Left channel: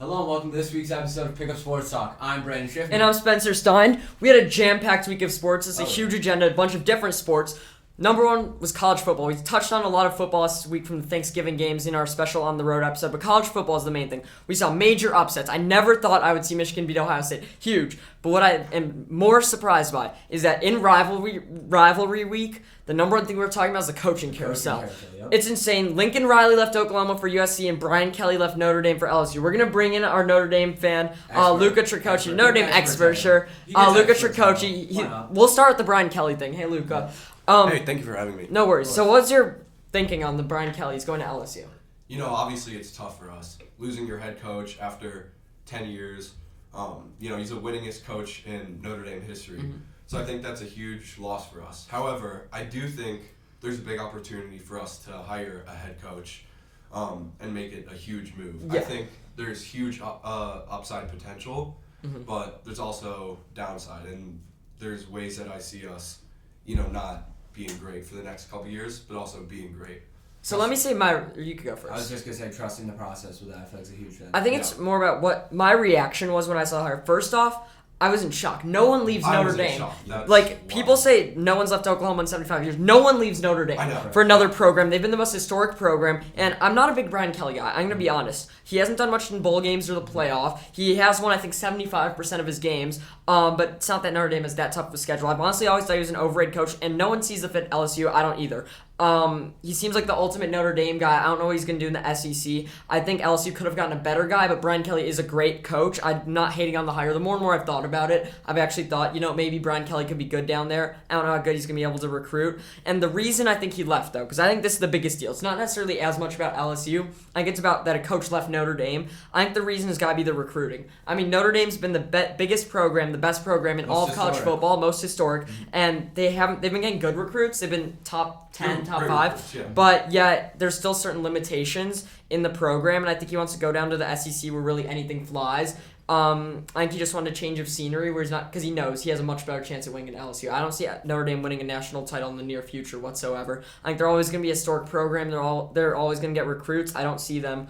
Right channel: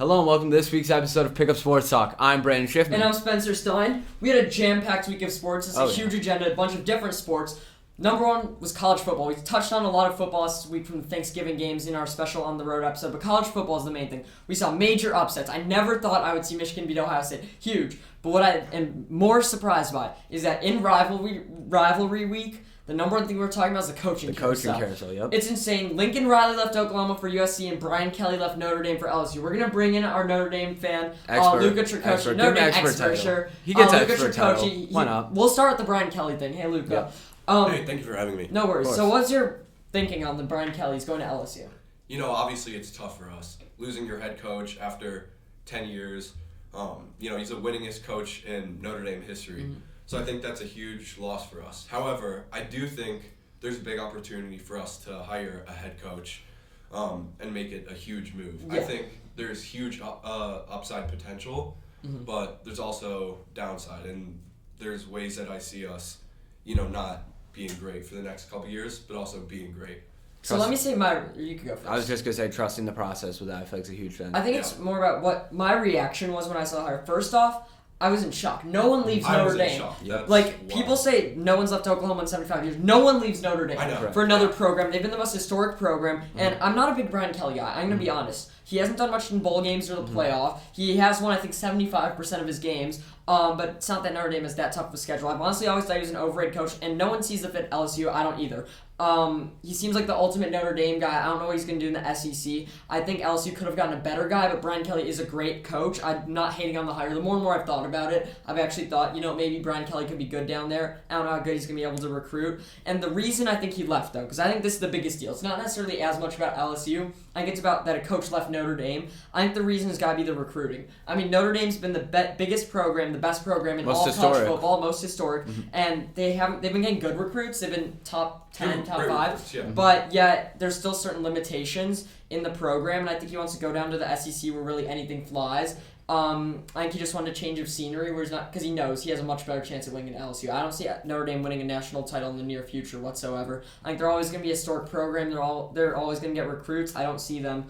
Hello and welcome to this week's episode of Pickup Sports Talk. I'm Brandon Schiffman. And I'm Spencer Stein. We had a jam-packed week of sports. It's a huge agenda, a bunch of different sports. Number one was college football. We touched on a lot of football this week from the Thanksgiving games in our special On the Road episode, but college football is the main thing. We saw major upsets. I never thought I would see Michigan beat Ohio State. Huge. But what I am more surprised by is that in rivalry week, the number one thing we were talking about is the coaching carousel. Yep. It's insane. Lincoln Riley left Oklahoma for USC, and Brian Kelly left Notre Dame for LSU. We're going to bring in our Notre Dame fan, Luca Tricoci. Notre Dame expert, sure. He gets Luca expert Tricoci. Why not? We'll start with the Brian Kelly thing. Hey, Luca. Hey, thank you for having me. No worries. So what's your thinking on the Brian Kelly's going to LSU? You know, obviously it's tough for us. Losing your head coach after 10 years. He's the winningest coach in Notre Dame history. Mm-hmm. So I think that's a huge loss for us. However, I do think there's a big opportunity for us to hire a head coach and make it a huge move. Yeah. I think there's huge upside potential, but there's also downside. And there's ways that I see us, not being great for the next couple of years, but also being great. So let me say you could go first. I was just going to say trusting the process with that. I feel like it's a huge thing. I think it's more about what my reaction was when I saw her. First off, I was in shock. No one leaves Notre Dame. I was in shock. That's wild. People People say no one's left Oklahoma in 75 years. No one leaves Notre Dame for another program. They've been the most historic program, and I'm not a big Brian Kelly guy. I'm going to be honest. He hasn't done much in bowl games or the playoff. He has won, I think, 75% of his games, but it's not that Notre Dame is that tough of a schedule. I've honestly always thought he was an overrated coach, and no one sees the fit LSU. I don't either. He seems like the ultimate Notre Dame guy. I don't know what he's going to do in the SEC. I think LSU could have gotten a better guy, but Brian Kelly is a great coach. I'm not hating on the hire. The more and more I've thought about it, I've actually thought, maybe Brian Kelly could be good down there. I don't know how good he's going to be able to recruit. And the reason I think he left, though, because I think this is the biggest deal. It's not necessarily as much about LSU. I think it's about that a coach left Notre Dame. I think the reason has got to be the recruiting. I mean, Notre Dame's been the biggest program, the best program in all college football, most historic, and they've been getting good recruits. They've been top 10, top 5. Recruits, yeah. But yet, there's still certain limitations in the program, and I think he wants to go down to the SEC where really anything flies. I think he just wanted a change of scenery where he's not, because he knows he has a much better chance of winning at LSU. I don't see Notre Dame winning a national title in the near future whatsoever. I think they're always going to be a historic program. They're always going to get recruits. I don't see them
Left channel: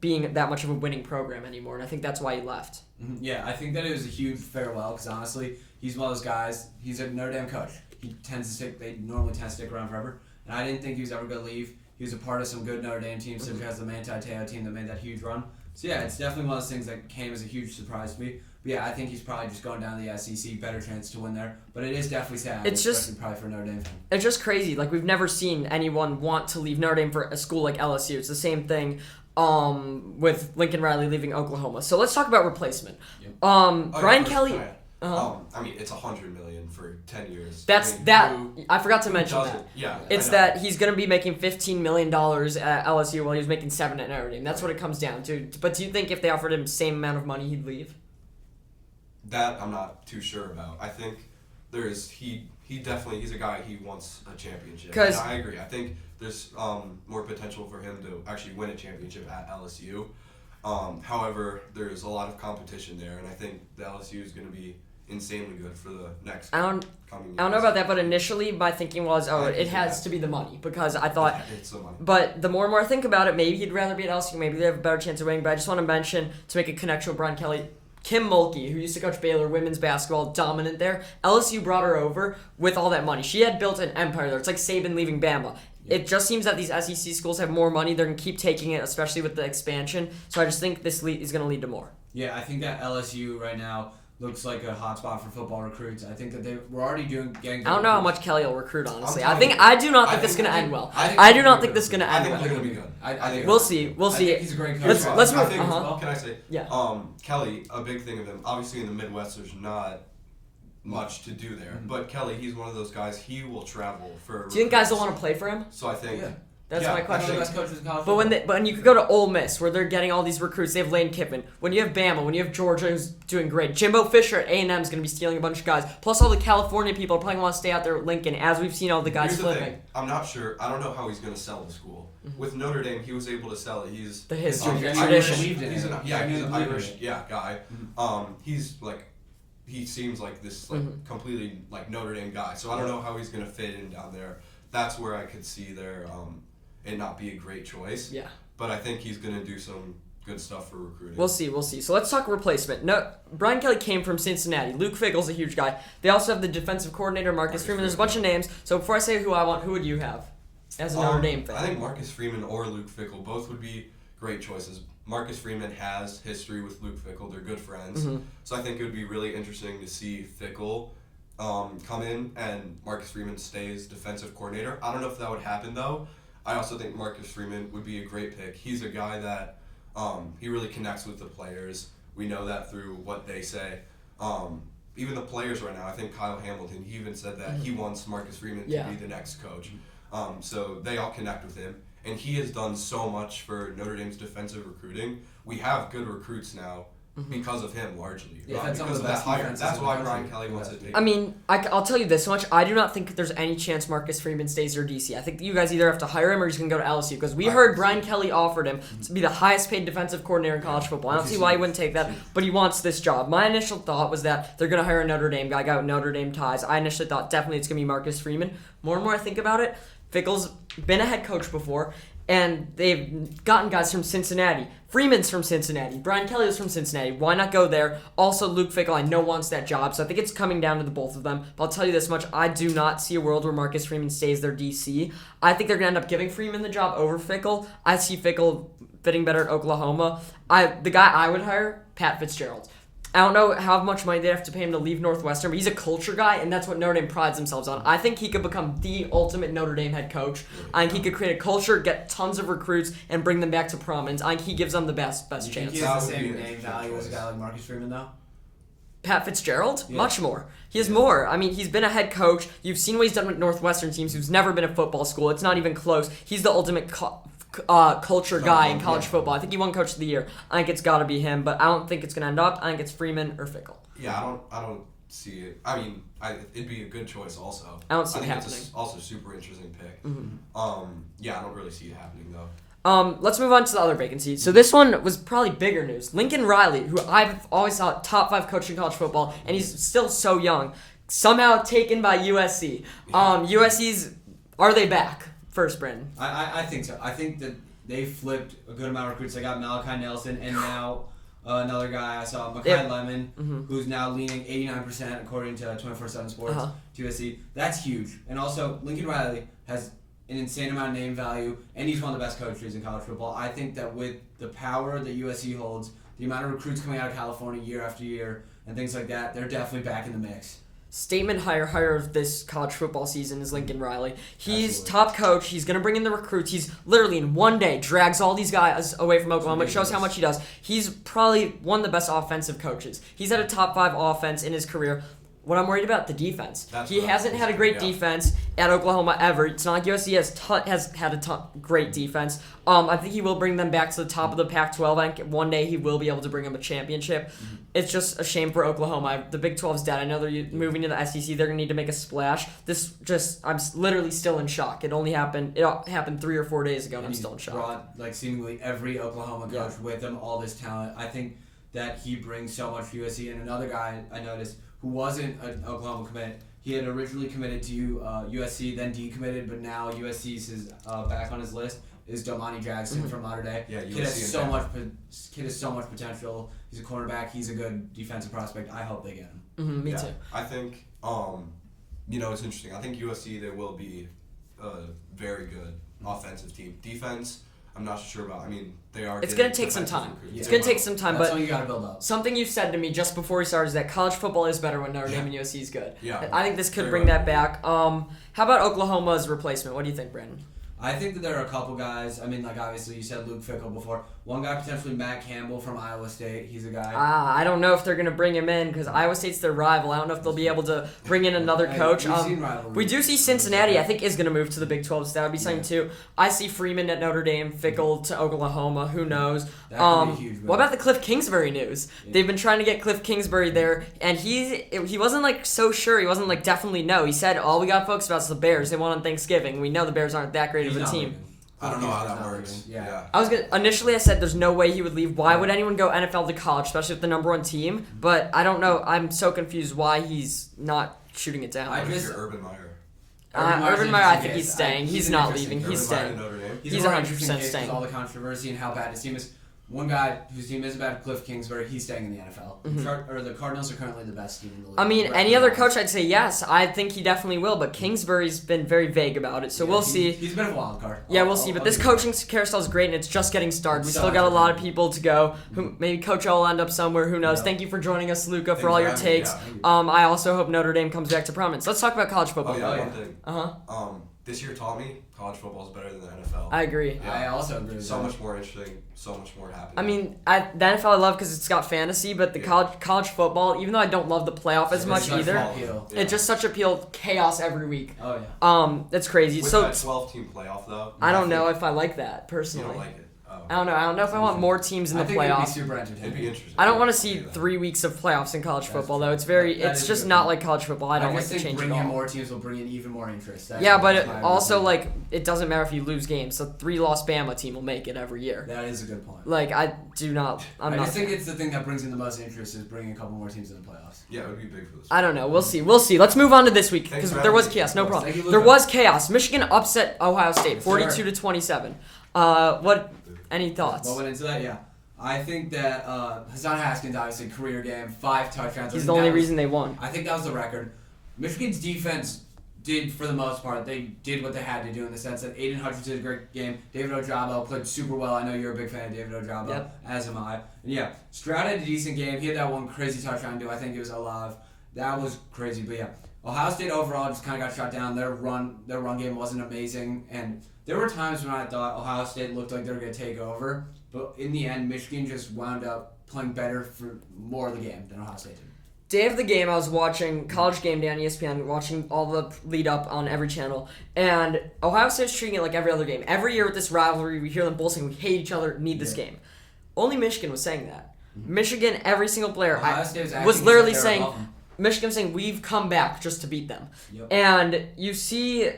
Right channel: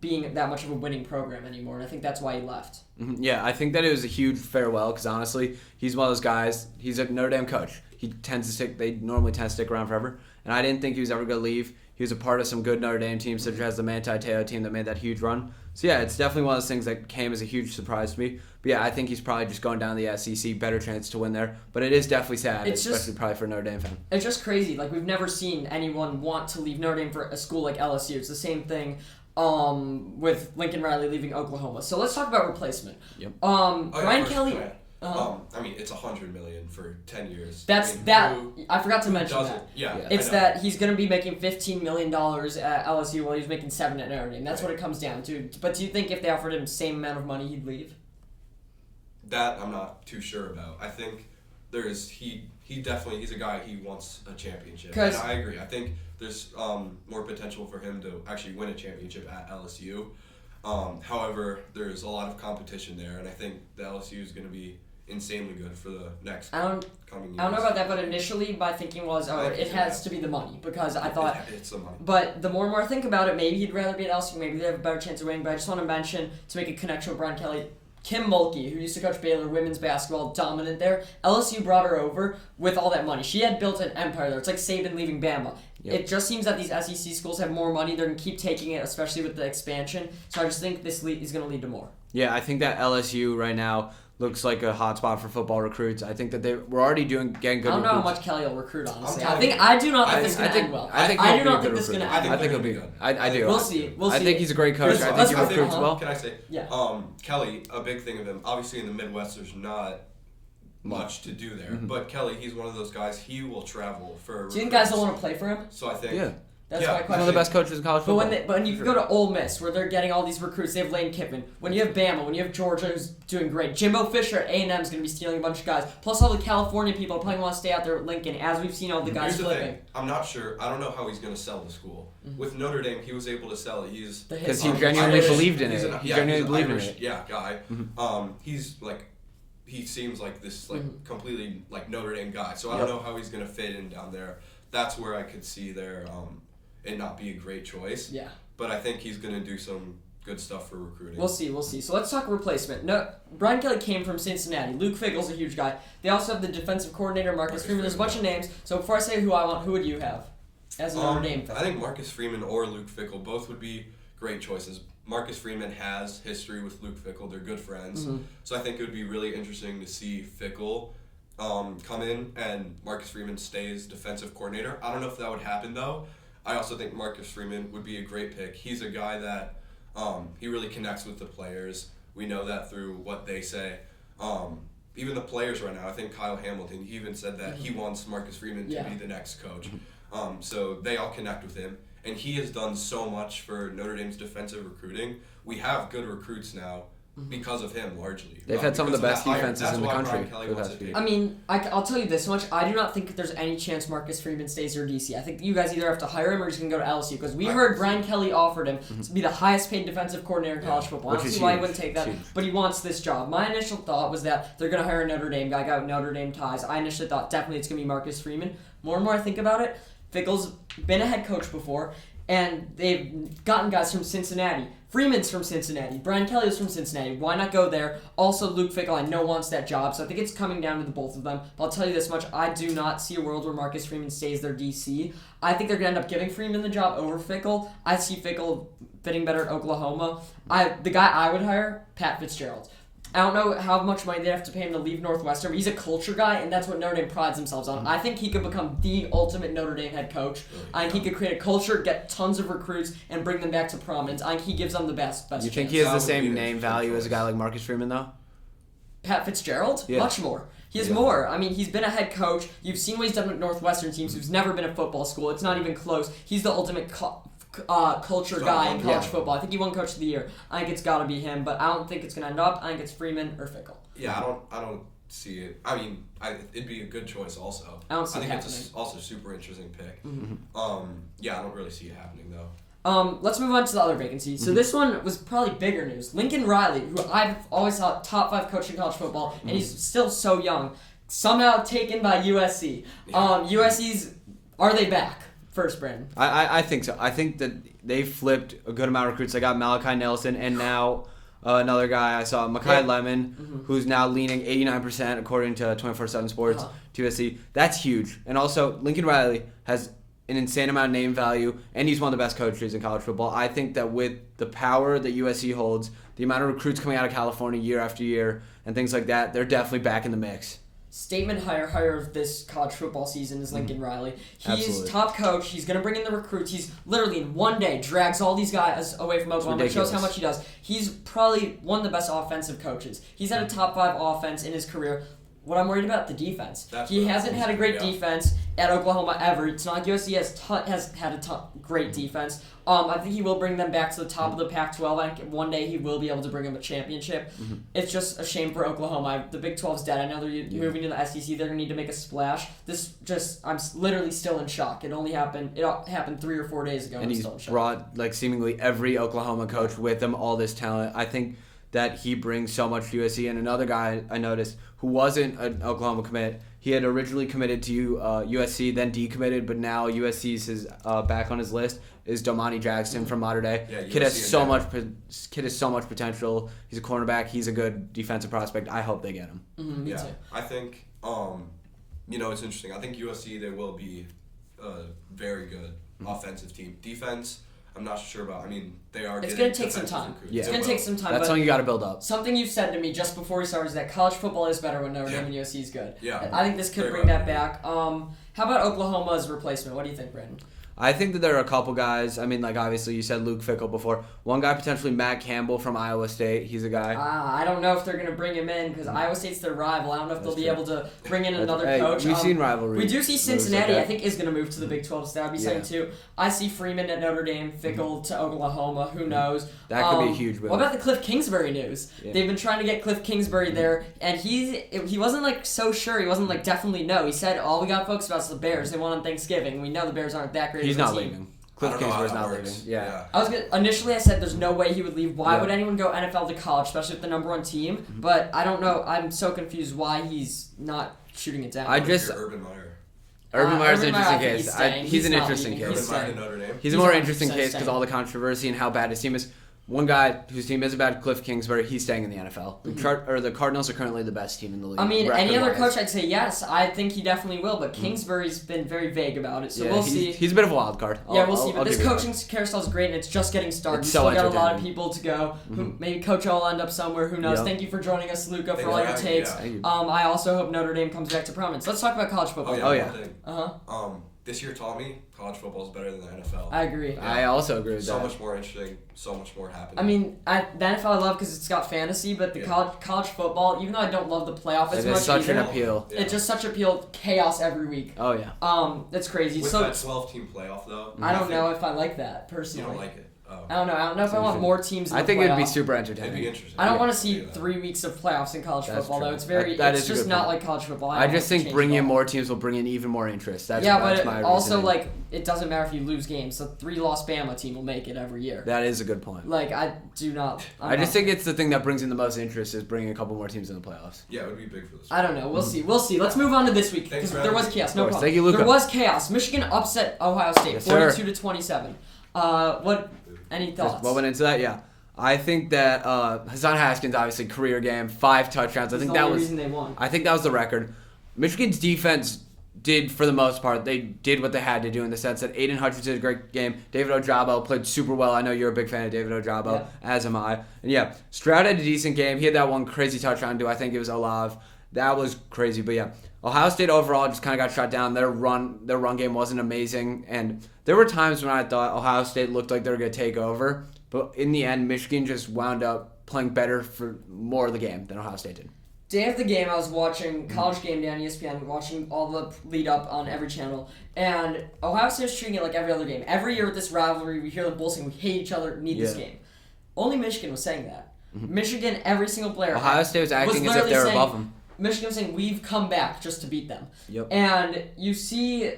being that much of a winning program anymore, and I think that's why he left. Yeah, I think that it was a huge farewell because honestly, he's one of those guys. He's a Notre Dame coach. They normally tend to stick around forever. And I didn't think he was ever going to leave. He was a part of some good Notre Dame teams, such as the Manti Te'o team that made that huge run. So yeah, it's definitely one of those things that came as a huge surprise to me. But yeah, I think he's probably just going down to the SEC, better chance to win there. But it is definitely sad, especially probably for a Notre Dame fan. It's just crazy. Like, we've never seen anyone want to leave Notre Dame for a school like LSU. It's the same thing with Lincoln Riley leaving Oklahoma. So let's talk about replacement. Yep. Brian Kelly... it's $100 million for 10 years. I forgot to mention that. Yeah, it's that he's going to be making $15 million at LSU while he's making $7 at Notre Dame. That's what it comes down to. But do you think if they offered him the same amount of money, he'd leave? That I'm not too sure about. I think he's a guy, he wants a championship. And I agree. I think there's more potential for him to actually win a championship at LSU. However, there's a lot of competition there, and I think the LSU is going to be insanely good for the next coming years. I don't know about that, but initially my thinking was, it has to be the money, because I thought... It's the money. But the more and more I think about it, maybe he'd rather be at LSU, maybe they have a better chance of winning, but I just want to mention, to make a connection with Brian Kelly, Kim Mulkey, who used to coach Baylor women's basketball, dominant there. LSU brought her over with all that money. She had built an empire there. It's like Saban leaving Bama. Yep. It just seems that these SEC schools have more money. They're going to keep taking it, especially with the expansion. So I just think this is going to lead to more. Yeah, I think that LSU right now looks like a hotspot for football recruits. I think that we're already getting good recruits. I don't know how much Kelly will recruit, honestly. I do not think this is going to end well. I do not think this is going to end well. I think it'll be good. I do. We'll see. I think he's a great coach. Can I say? Yeah. Kelly, a big thing of him, obviously in the Midwest there's not much to do there. Mm-hmm. But Kelly, he's one of those guys, he will travel for... Do you think guys will want to play for him? So I think... Yeah. That's my question. One of the best coaches in college football. But when you go to Ole Miss, where they're getting all these recruits, they have Lane Kiffin. When you have Bama, when you have Georgia, who's doing great. Jimbo Fisher at A&M is going to be stealing a bunch of guys. Plus all the California people probably want to stay out there at Lincoln, as we've seen all the guys flipping. Here's the thing. I'm not sure. I don't know how he's going to sell the school. Mm-hmm. With Notre Dame, he was able to sell it. Because he genuinely believed in it. He's an Irish guy. Mm-hmm. He's like... He seems like this completely like Notre Dame guy. So I don't know how he's going to fit in down there. That's where I could see there it not be a great choice. Yeah. But I think he's going to do some good stuff for recruiting. We'll see. So let's talk replacement. No, Brian Kelly came from Cincinnati. Luke Fickell's a huge guy. They also have the defensive coordinator, Marcus Freeman. There's a bunch of names. So before I say who I want, who would you have as a Notre Dame fan? I think Marcus Freeman or Luke Fickell, both would be great choices. Marcus Freeman has history with Luke Fickell. They're good friends. Mm-hmm. So I think it would be really interesting to see Fickell come in and Marcus Freeman stays defensive coordinator. I don't know if that would happen, though. I also think Marcus Freeman would be a great pick. He's a guy that he really connects with the players. We know that through what they say. Even the players right now, I think Kyle Hamilton, he even said that he wants Marcus Freeman to be the next coach. So they all connect with him. And he has done so much for Notre Dame's defensive recruiting. We have good recruits now because of him, largely. They've had some of the best defenses That's in the why country. Brian Kelly wants to take I mean, I'll tell you this much. I do not think there's any chance Marcus Freeman stays their DC. I think you guys either have to hire him or he's going to go to LSU because we heard Brian Kelly offered him to be the highest paid defensive coordinator in college football. I don't see why he wouldn't take that, but he wants this job. My initial thought was that they're going to hire a Notre Dame guy, got Notre Dame ties. I initially thought definitely it's going to be Marcus Freeman. More and more I think about it, Fickell's been a head coach before, and they've gotten guys from Cincinnati. Freeman's from Cincinnati. Brian Kelly was from Cincinnati. Why not go there? Also, Luke Fickell, I know, wants that job, so I think it's coming down to the both of them. But I'll tell you this much, I do not see a world where Marcus Freeman stays their DC. I think they're going to end up giving Freeman the job over Fickell. I see Fickell fitting better at Oklahoma. The guy I would hire, Pat Fitzgerald. I don't know how much money they have to pay him to leave Northwestern, but he's a culture guy, and that's what Notre Dame prides themselves on. I think he could become the ultimate Notre Dame head coach. I think he could create a culture, get tons of recruits, and bring them back to prominence. I think he gives them the best You think chance. he has the same name value as a guy like Marcus Freeman, though? Pat Fitzgerald? Yeah. Much more. He has more. I mean, he's been a head coach. You've seen what he's done with Northwestern teams who's never been at football school. It's not even close. He's the ultimate culture guy in college football. I think he won Coach of the Year. I think it's got to be him, but I don't think it's going to end up. I think it's Freeman or Fickell. Yeah, I don't see it. I mean, it'd be a good choice also. I don't see think it it's also a super interesting pick. Mm-hmm. Yeah, I don't really see it happening though. Let's move on to the other vacancy. So this one was probably bigger news. Lincoln Riley, who I've always thought top 5 coach in college football, and he's still so young, somehow taken by USC. USC's, are they back? First, Brandon. I think so. I think that they flipped a good amount of recruits. They got Malachi Nelson, and now another guy I saw, Mekhi Lemon, who's now leaning 89% according to 24/7 Sports to USC. That's huge. And also, Lincoln Riley has an insane amount of name value, and he's one of the best coaches in college football. I think that with the power that USC holds, the amount of recruits coming out of California year after year, and things like that, they're definitely back in the mix. Statement hire of this college football season is Lincoln Riley. He's Absolutely. top coach. He's going to bring in the recruits. He's literally in one day drags all these guys away from Oklahoma. It shows how much he does. He's probably one of the best offensive coaches. He's had a top 5 offense in his career. What I'm worried about, the defense. He hasn't had a great defense at Oklahoma ever. It's not like USC has had a great defense. I think he will bring them back to the top of the Pac-12. Like one day he will be able to bring them a championship. It's just a shame for Oklahoma. The Big 12's dead. I know they're moving to the SEC. They're gonna need to make a splash. I'm literally still in shock. It happened 3 or 4 days ago. And he's still in shock. brought like seemingly every Oklahoma coach with him, all this talent. I think that he brings so much to USC. And another guy I noticed who wasn't an Oklahoma commit, he had originally committed to USC, then decommitted, but now USC's is back on his list, is Domani Dragsten from Mater Dei. Yeah, Kid has so much potential. He's a cornerback. He's a good defensive prospect. I hope they get him. Me too. I think it's interesting. I think USC, they will be a very good offensive team. Defense, I'm not sure about. I mean, they are It's getting going to take some defensive time. recruits. Yeah. It's going to take some time. That's but something you got to build up. something you said to me just before we started is that college football is better when Notre Dame and USC is good. Yeah. I think this could Very bring right. that back. How about Oklahoma's replacement? What do you think, Brandon? I think that there are a couple guys. I mean, like obviously you said Luke Fickell before. One guy potentially Matt Campbell from Iowa State. He's a guy. I don't know if they're going to bring him in because Iowa State's their rival. I don't know if they'll be able to bring in another coach. We've seen Rivalry. We do see Cincinnati, I think, is going to move to the Big 12, so that would be something too. I see Freeman at Notre Dame, Fickell to Oklahoma. Who knows? That could be huge. What about the Cliff Kingsbury news? Yeah. They've been trying to get Cliff Kingsbury there, and he wasn't like so sure. He wasn't like definitely no. He said all we got folks about is the Bears. They won on Thanksgiving. We know the Bears aren't that great He's of a not team. leaving. I don't know how Kingsbury's that not works. leaving. Yeah. Initially I said there's no way he would leave. Why would anyone go NFL to college, especially with the number 1 team? But I don't know. I'm so confused why he's not shooting it down. Urban Meyer. Urban Meyer's an Urban Meyer, I interesting think case. he's staying. He's He's an not interesting leaving. case. Urban Meyer to Notre Dame. He's a more interesting 100% case because staying. all the controversy and how bad his team is. one guy whose team is bad, Cliff Kingsbury, he's staying in the NFL. The Cardinals are currently the best team in the league. I mean, any other coach, I'd say yes. I think he definitely will, but Kingsbury's been very vague about it, so we'll see. He's a bit of a wild card. We'll see. But this coaching carousel is great, and it's just getting started. We still got a lot of people to go. Maybe Coach will end up somewhere. Who knows? Thank you for joining us, Luca, for all your takes. I also hope Notre Dame comes back to prominence. Let's talk about college football. One thing. This year taught me college football is better than the NFL. I agree. Yeah. I also agree with that. So much more interesting, so much more happening. I mean, the NFL I love because it's got fantasy, but the college football, even though I don't love the playoff as much such either, an appeal. It's just such appeal, chaos every week. Oh yeah. That's crazy. With that 12-team playoff though. I don't know if I like that personally. You don't like it. Oh. I don't know if I want more teams in the playoffs. I think it'd be super entertaining. It'd be interesting. I don't want to see 3 weeks of playoffs in college football. No, it's it's just not like college football. I just think bringing in more teams will bring in even more interest. But also like it doesn't matter if you lose games. The 3-loss Bama team will make it every year. That is a good point. Like I just think it's the thing that brings in the most interest is bringing a couple more teams in the playoffs. Yeah, it would be big for this. I don't know. We'll see. Let's move on to this week because there was chaos. No problem. Thank you, Luca. There was chaos. Michigan upset Ohio State 42-27. Any thoughts? What went into that? Yeah. I think that Hassan Haskins, obviously, career game, 5 touchdowns. He's the only reason they won. I think that was the record. Michigan's defense did, for the most part, they did what they had to do in the sense that Aiden Hutchinson did a great game. David Ojabo played super well. I know you're a big fan of David Ojabo, as am I. And Stroud had a decent game. He had that one crazy touchdown to, I think it was Olav. That was crazy, but yeah. Ohio State overall just kind of got shut down. Their run game wasn't amazing, and there were times when I thought Ohio State looked like they were going to take over, but in the end, Michigan just wound up playing better for more of the game than Ohio State did. Day of the game, I was watching College Game Day on ESPN, watching all the lead up on every channel, and Ohio State's treating it like every other game. Every year with this rivalry, we hear them both saying we hate each other, need this game. Only Michigan was saying that. Michigan, every single player. Ohio State was acting as if they were above them. Michigan saying we've come back just to beat them. Yep. And you see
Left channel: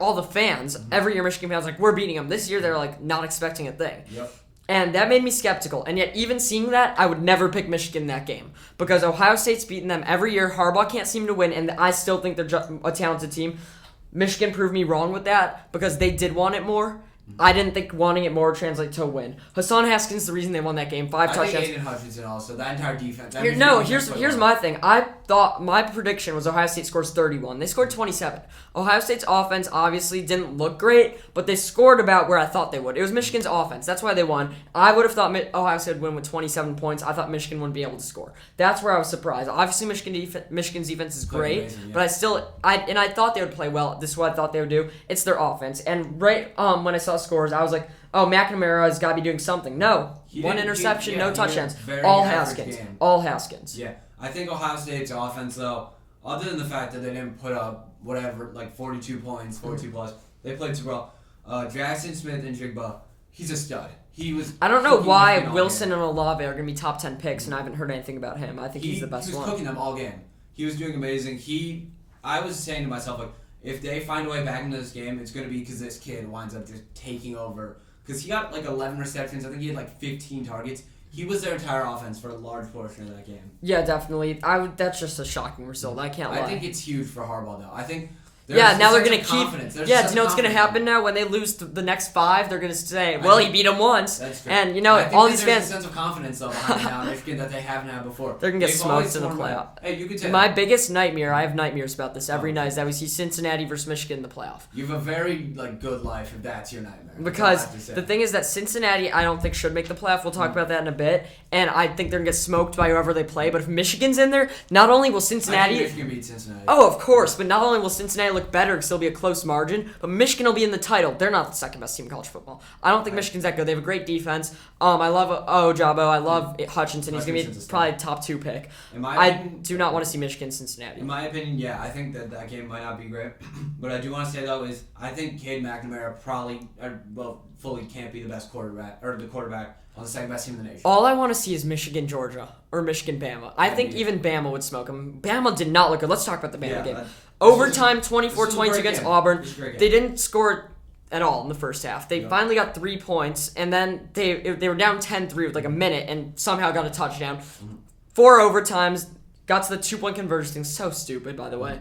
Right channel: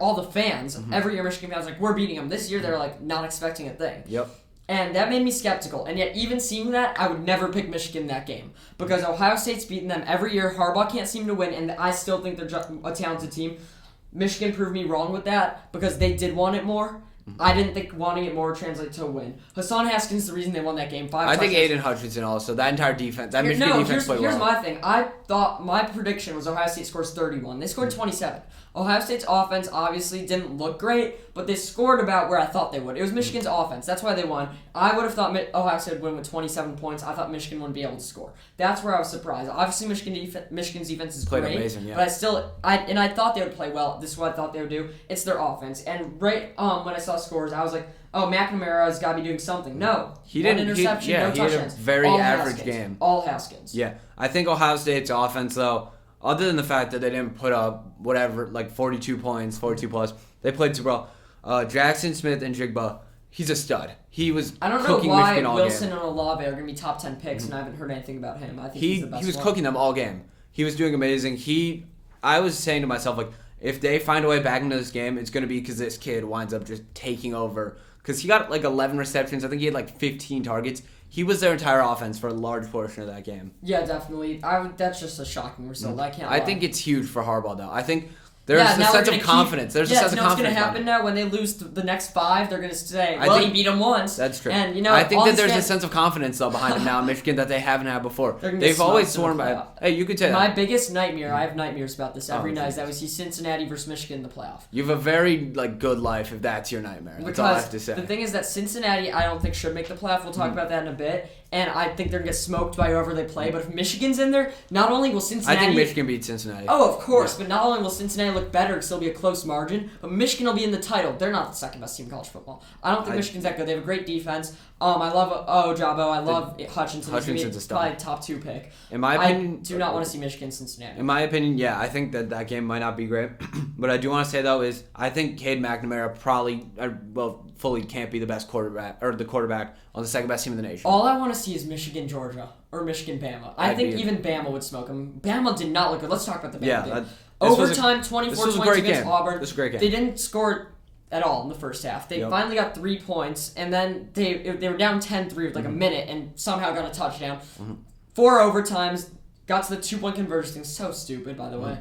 all the fans, every year Michigan fans like, we're beating them. This year they're like not expecting a thing. Yep. And that made me skeptical. And yet even seeing that, I would never pick Michigan in that game. Because Ohio State's beating them every year. Harbaugh can't seem to win, and I still think they're a talented team. Michigan proved me wrong with that because they did want it more. I didn't think wanting it more translates to a win. Hassan Haskins is the reason they won that game. 5 I touchdowns. think Aiden Hutchinson also. That entire defense. That Michigan defense played well. Here's my thing. I thought my prediction was Ohio State scores 31. They scored 27. Ohio State's offense obviously didn't look great, but they scored about where I thought they would. It was Michigan's offense. That's why they won. I would have thought Ohio State would win with 27 points. I thought Michigan wouldn't be able to score. That's where I was surprised. Obviously, Michigan's defense is great, amazing, but I thought they would play well. This is what I thought they would do. It's their offense. And when I saw scores, I was like, oh, McNamara's got to be doing something. No. He didn't. One interception, no touchdowns. He had a very average game. All Haskins. Yeah. I think Ohio State's offense, though, other than the fact that they didn't put up whatever, like 42 points, 42 plus, they played super well. Jackson Smith and Jigba, he's a stud. He was. I don't know why Wilson and Olave are going to be top 10 picks, and I haven't heard anything about him. I think he's the best He was one. cooking them all game. He was doing amazing. I was saying to myself, like, if they find a way back into this game, it's going to be because this kid winds up just taking over. Because he got like 11 receptions. I think he had like 15 targets. He was their entire offense for a large portion of that game. Yeah, definitely. That's just a shocking result. I think it's huge for Harbaugh, though. I think there's a sense of confidence. There's a sense of confidence. What's going to happen now? When they lose the next 5, they're going to say, he beat them once. That's true. And, I think that there's a sense of confidence, though, behind it now in Michigan that they haven't had before. They've always sworn by. Hey, you could say that. My biggest nightmare, I have nightmares about this every night, is that we see Cincinnati versus Michigan in the playoff. You have a very good life if that's your nightmare. That's all I have to say. The thing is that Cincinnati, I don't think should make the playoff. We'll talk about that in a bit. And I think they're going to get smoked by whoever they play. But if Michigan's in there, not only will Cincinnati... I think Michigan beats Cincinnati. Oh, of course. But not only will Cincinnati look better because it'll be a close margin, but Michigan will be in the title. They're not the second best team in college football. I don't think Michigan's that good. They have a great defense. I love Ojabo. I love Hutchinson. He's probably a top 2 pick. In my opinion, I do not want to see Michigan Cincinnati. In my opinion, yeah, I think that game might not be great. But I do want to say, though, is I think Cade McNamara fully can't be the best quarterback or the quarterback on the second best team in the nation. All I want to see is Michigan Georgia or Michigan Bama. I think even Bama would smoke them. Bama did not look good. Let's talk about the Bama game. Overtime, 24-22 against Auburn. This was a great game. They didn't score at all in the first half. They finally got 3 points, and then they were down 10-3 with like a minute, and somehow got a touchdown. 4 overtimes, got to the 2-point conversion thing. So stupid, by the way.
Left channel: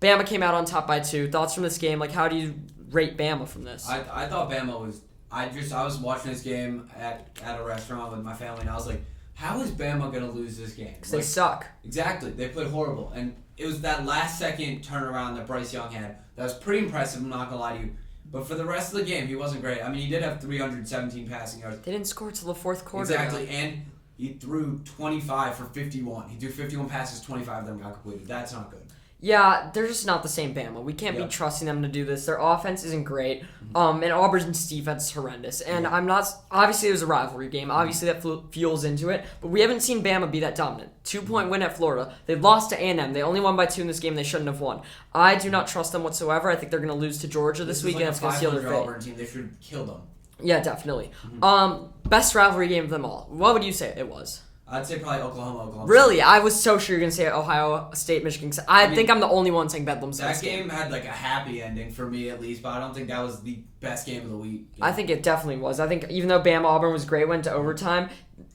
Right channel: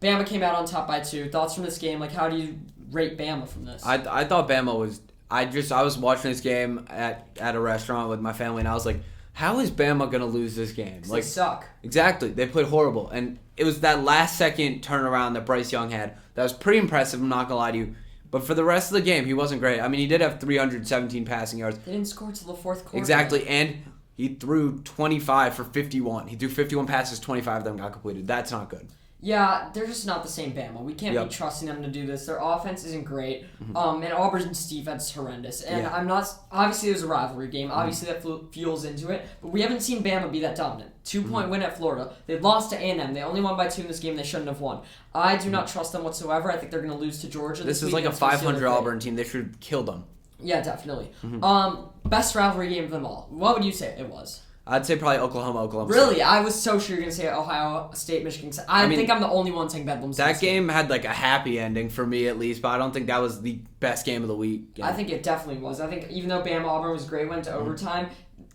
Bama came out on top by 2. Thoughts from this game? Like, how do you rate Bama from this? I thought Bama was I was watching this game at a restaurant with my family, and I was like, how is Bama going to lose this game? Like, they suck. Exactly. They played horrible. And it was that last-second turnaround that Bryce Young had. That was pretty impressive, I'm not going to lie to you. But for the rest of the game, he wasn't great. I mean, he did have 317 passing yards. They didn't score until the fourth quarter. Exactly. And he threw 25 for 51. He threw 51 passes, 25 of them got completed. That's not good. Yeah, they're just not the same Bama. We can't be trusting them to do this. Their offense isn't great, and Auburn's defense is horrendous. And I'm not. Obviously, it was a rivalry game. Obviously, that fuels into it. But we haven't seen Bama be that dominant. 2-point win at Florida. They lost to A&M. They only won by 2 in this game. They shouldn't have won. I do not trust them whatsoever. I think they're going to lose to Georgia this week. This is like a 500 Auburn team. They should kill them. Yeah, definitely. Best rivalry game of them all. What would you say it was? I'd say probably Oklahoma. Really? I was so sure you were going to say Ohio State, Michigan State. I think I'm the only one saying Bedlam's. That game had like a happy ending for me at least, but I don't think that was the best game of the week. I think it definitely was. I think even though Bama-Auburn was great, went to overtime.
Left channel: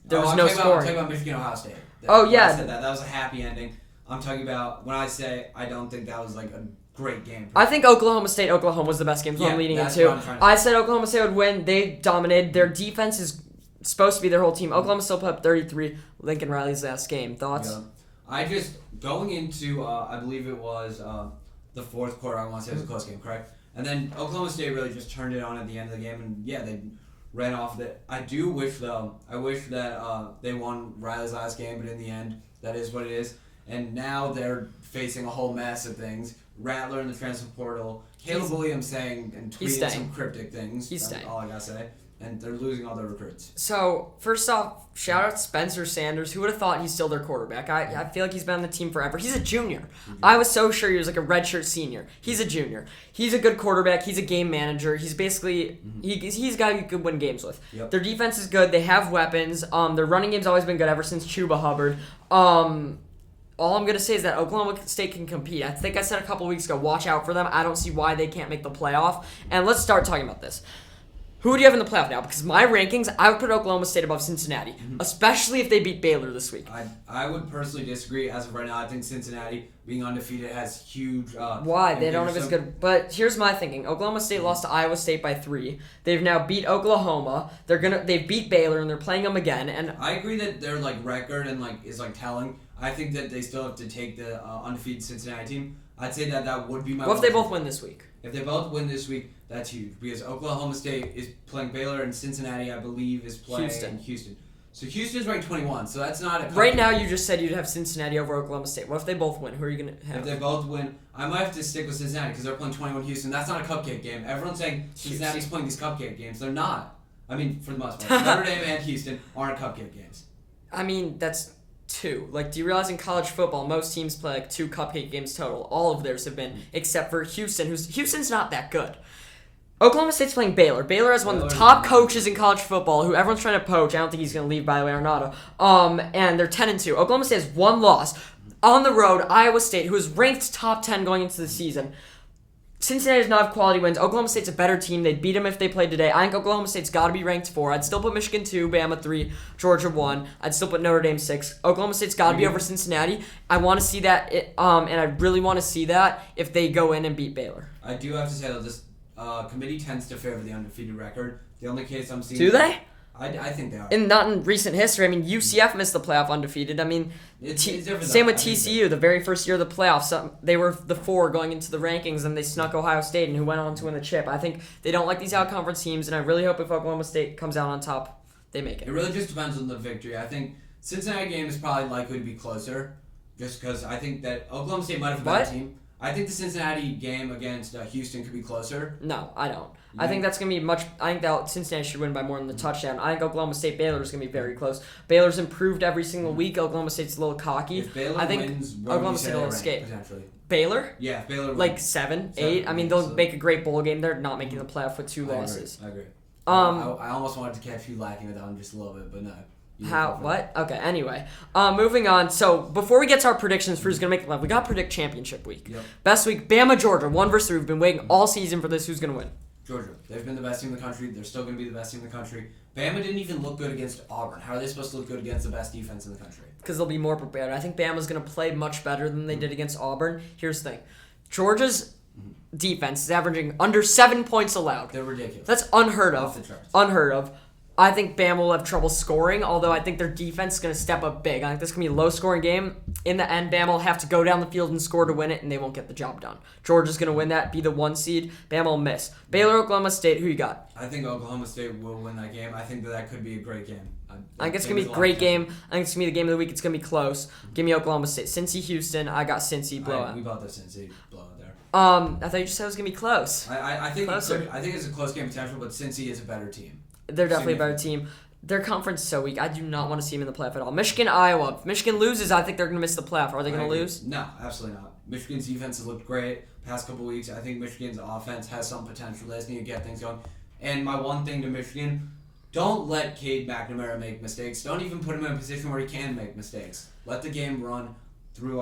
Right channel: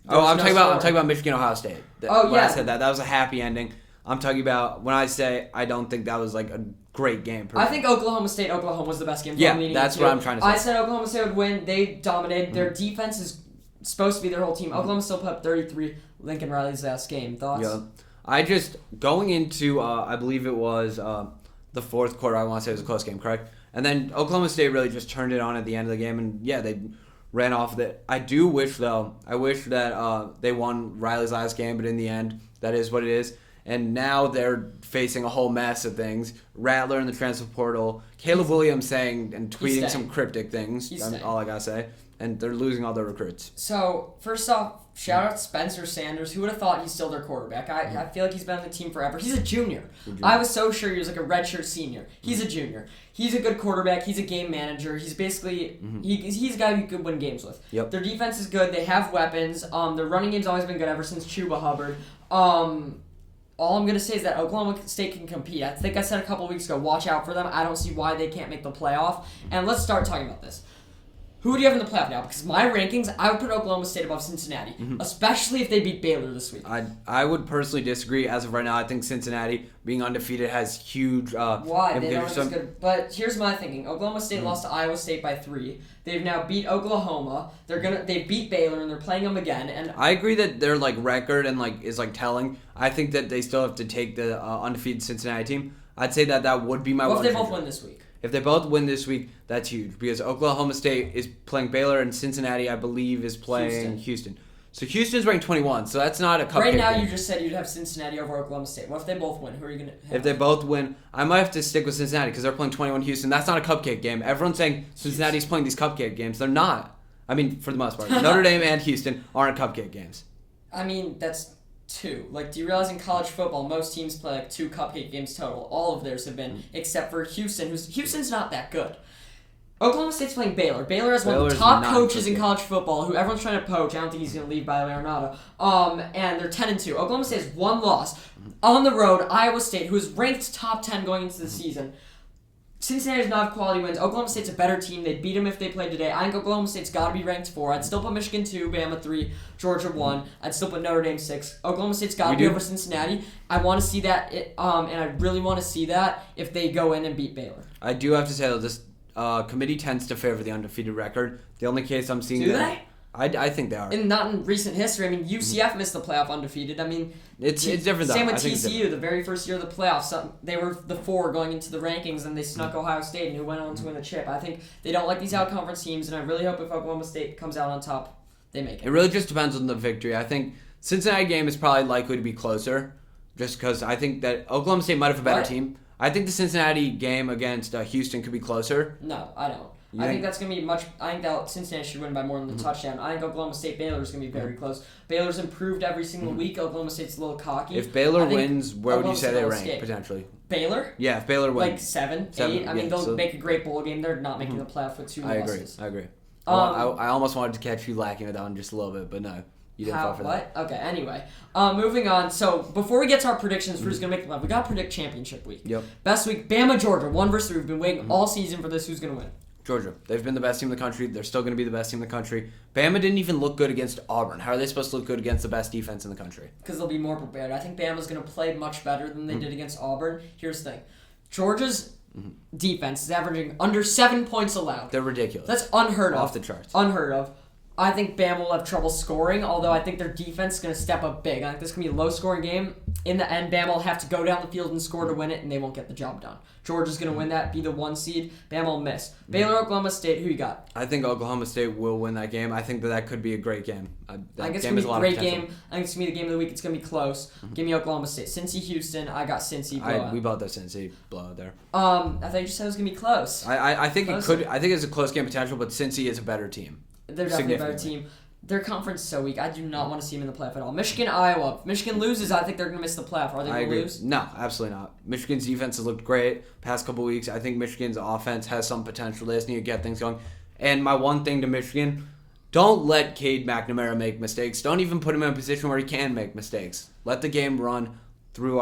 I'm talking about Michigan-Ohio State. I said that was a happy ending. I'm talking about when I say I don't think that was like a great game. I think Oklahoma was the best game. That's what I'm trying to say. I said Oklahoma State would win. They dominated. Their defense is supposed to be their whole team. Oklahoma still put up 33. Lincoln Riley's last game. Thoughts? Yeah. Going into, I believe it was the fourth quarter, I want to say it was a close game, correct? And then Oklahoma State really just turned it on at the end of the game, and they ran off of it. I do wish, though, that they won Riley's last game, but in the end, that is what it is. And now they're facing a whole mess of things. Rattler in the transfer portal, Caleb Williams saying and tweeting some cryptic things. That's all I got to say. And they're losing all their recruits. So, first off, shout out to Spencer Sanders. Who would have thought he's still their quarterback? I feel like he's been on the team forever. He's a junior. I was so sure he was like a redshirt senior. He's a junior. He's a good quarterback. He's a game manager. He's basically he's a guy you could win games with. Yep. Their defense is good. They have weapons. Their running game's always been good ever since Chuba Hubbard. All I'm going to say is that Oklahoma State can compete. I think I said a couple weeks ago, watch out for them. I don't see why they can't make the playoff. And let's start talking about this. Who do you have in the playoff now? Because my rankings, I would put Oklahoma State above Cincinnati, especially if they beat Baylor this week. I would personally disagree. As of right now, I think Cincinnati, being undefeated, has huge... Why? They don't have as good... But here's my thinking. Oklahoma State lost to Iowa State by 3. They've now beat Oklahoma. They beat Baylor, and they're playing them again. And I agree that their record and is telling. I think that they still have to take the undefeated Cincinnati team. I'd say that would be my... What if they both win this week? If they both win this week, that's huge because Oklahoma State is playing Baylor and Cincinnati, I believe, is playing Houston. So Houston's ranked 21, so that's not a cupcake. Right now, you just said you'd have Cincinnati over Oklahoma State. What if they both win? Who are you going to have? If they both win, I might have to stick with Cincinnati because they're playing 21 Houston. That's not a cupcake game. Everyone's saying Cincinnati's playing these cupcake games. They're not. I mean, for the most part. Notre Dame and Houston aren't cupcake games. I mean, that's 2. Do you realize in college football, most teams play 2 cupcake games total? All of theirs have been, except for Houston, Houston's not that good. Oklahoma State's playing Baylor. Baylor has one of the top coaches in college football, who everyone's trying to poach. I don't think he's going to leave, by the way, Arnado. And they're 10-2. Oklahoma State has 1 loss. On the road, Iowa State, who is ranked top 10 going into the season. Cincinnati does not have quality wins. Oklahoma State's a better team. They'd beat them if they played today. I think Oklahoma State's got to be ranked 4. I'd still put Michigan 2, Bama 3, Georgia 1. I'd still put Notre Dame 6. Oklahoma State's got to be over Cincinnati. I want to see that, and I really want to see that if they go in and beat Baylor. I do have to say, though, this committee tends to favor the undefeated record. The only case I'm seeing... Do they? I think they are. And not in recent history. I mean, UCF missed the playoff undefeated. I mean... It's different, though. Same with TCU, the very first year of the playoffs. They were the 4 going into the rankings, and they snuck Ohio State, and who went on to win the chip. I think they don't like these out-conference teams, and I really hope if Oklahoma State comes out on top, they make it. It really just depends on the victory. I think Cincinnati game is probably likely to be closer, just because I think that Oklahoma State might have a better team. I think the Cincinnati game against Houston could be closer. No, I don't. I think that's going to be much... I think that Cincinnati should win by more than the touchdown. I think Oklahoma State Baylor is going to be very close. Baylor's improved every single week. Oklahoma State's a little cocky. If Baylor wins, where would you say they rank, potentially? Baylor? Yeah, if Baylor wins. 7, 8. I mean, they'll make a great bowl game. They're not making the playoff with 2 losses. I agree. I almost wanted to catch you lacking with that one just a little bit, but no. You didn't fall for that. Okay, anyway. Moving on. So, before we get to our predictions for who's going to make the playoff, we got to predict championship week. Yep. Best week, Bama, Georgia. 1-3. We've been waiting all season for this. Who's going to win? Georgia. They've been the best team in the country. They're still going to be the best team in the country. Bama didn't even look good against Auburn. How are they supposed to look good against the best defense in the country? Because they'll be more prepared. I think Bama's going to play much better than they did against Auburn. Here's the thing. Georgia's defense is averaging under 7 points allowed. They're ridiculous. That's unheard of. Off the charts. Unheard of. I think Bama will have trouble scoring, although I think their defense is going to step up big. I think this is going to be a low-scoring game. In the end, Bama will have to go down the field and score to win it, and they won't get the job done. Georgia's going to win that, be the 1 seed. Bama will miss. Baylor, Oklahoma State, who you got? I think Oklahoma State will win that game. I think that could be a great game. I think it's going to be a great game. I think it's going to be the game of the week. It's going to be close. Give me Oklahoma State. Cincy, Houston. I got Cincy. We bought the Cincy blowout there. I thought you just said it was going to be close. I think it could. I think it's a close game potential, but Cincy is a better team. They're definitely a better team. Their conference is so weak. I do not want to see them in the playoff at all. Michigan, Iowa. If Michigan loses, I think they're going to miss the playoff. Are they going to lose? No, absolutely not. Michigan's defense has looked great past couple weeks. I think Michigan's offense has some potential. They just need to get things going. And my one thing to Michigan, don't let Cade McNamara make mistakes. Don't even put him in a position where he can make mistakes. Let the game run through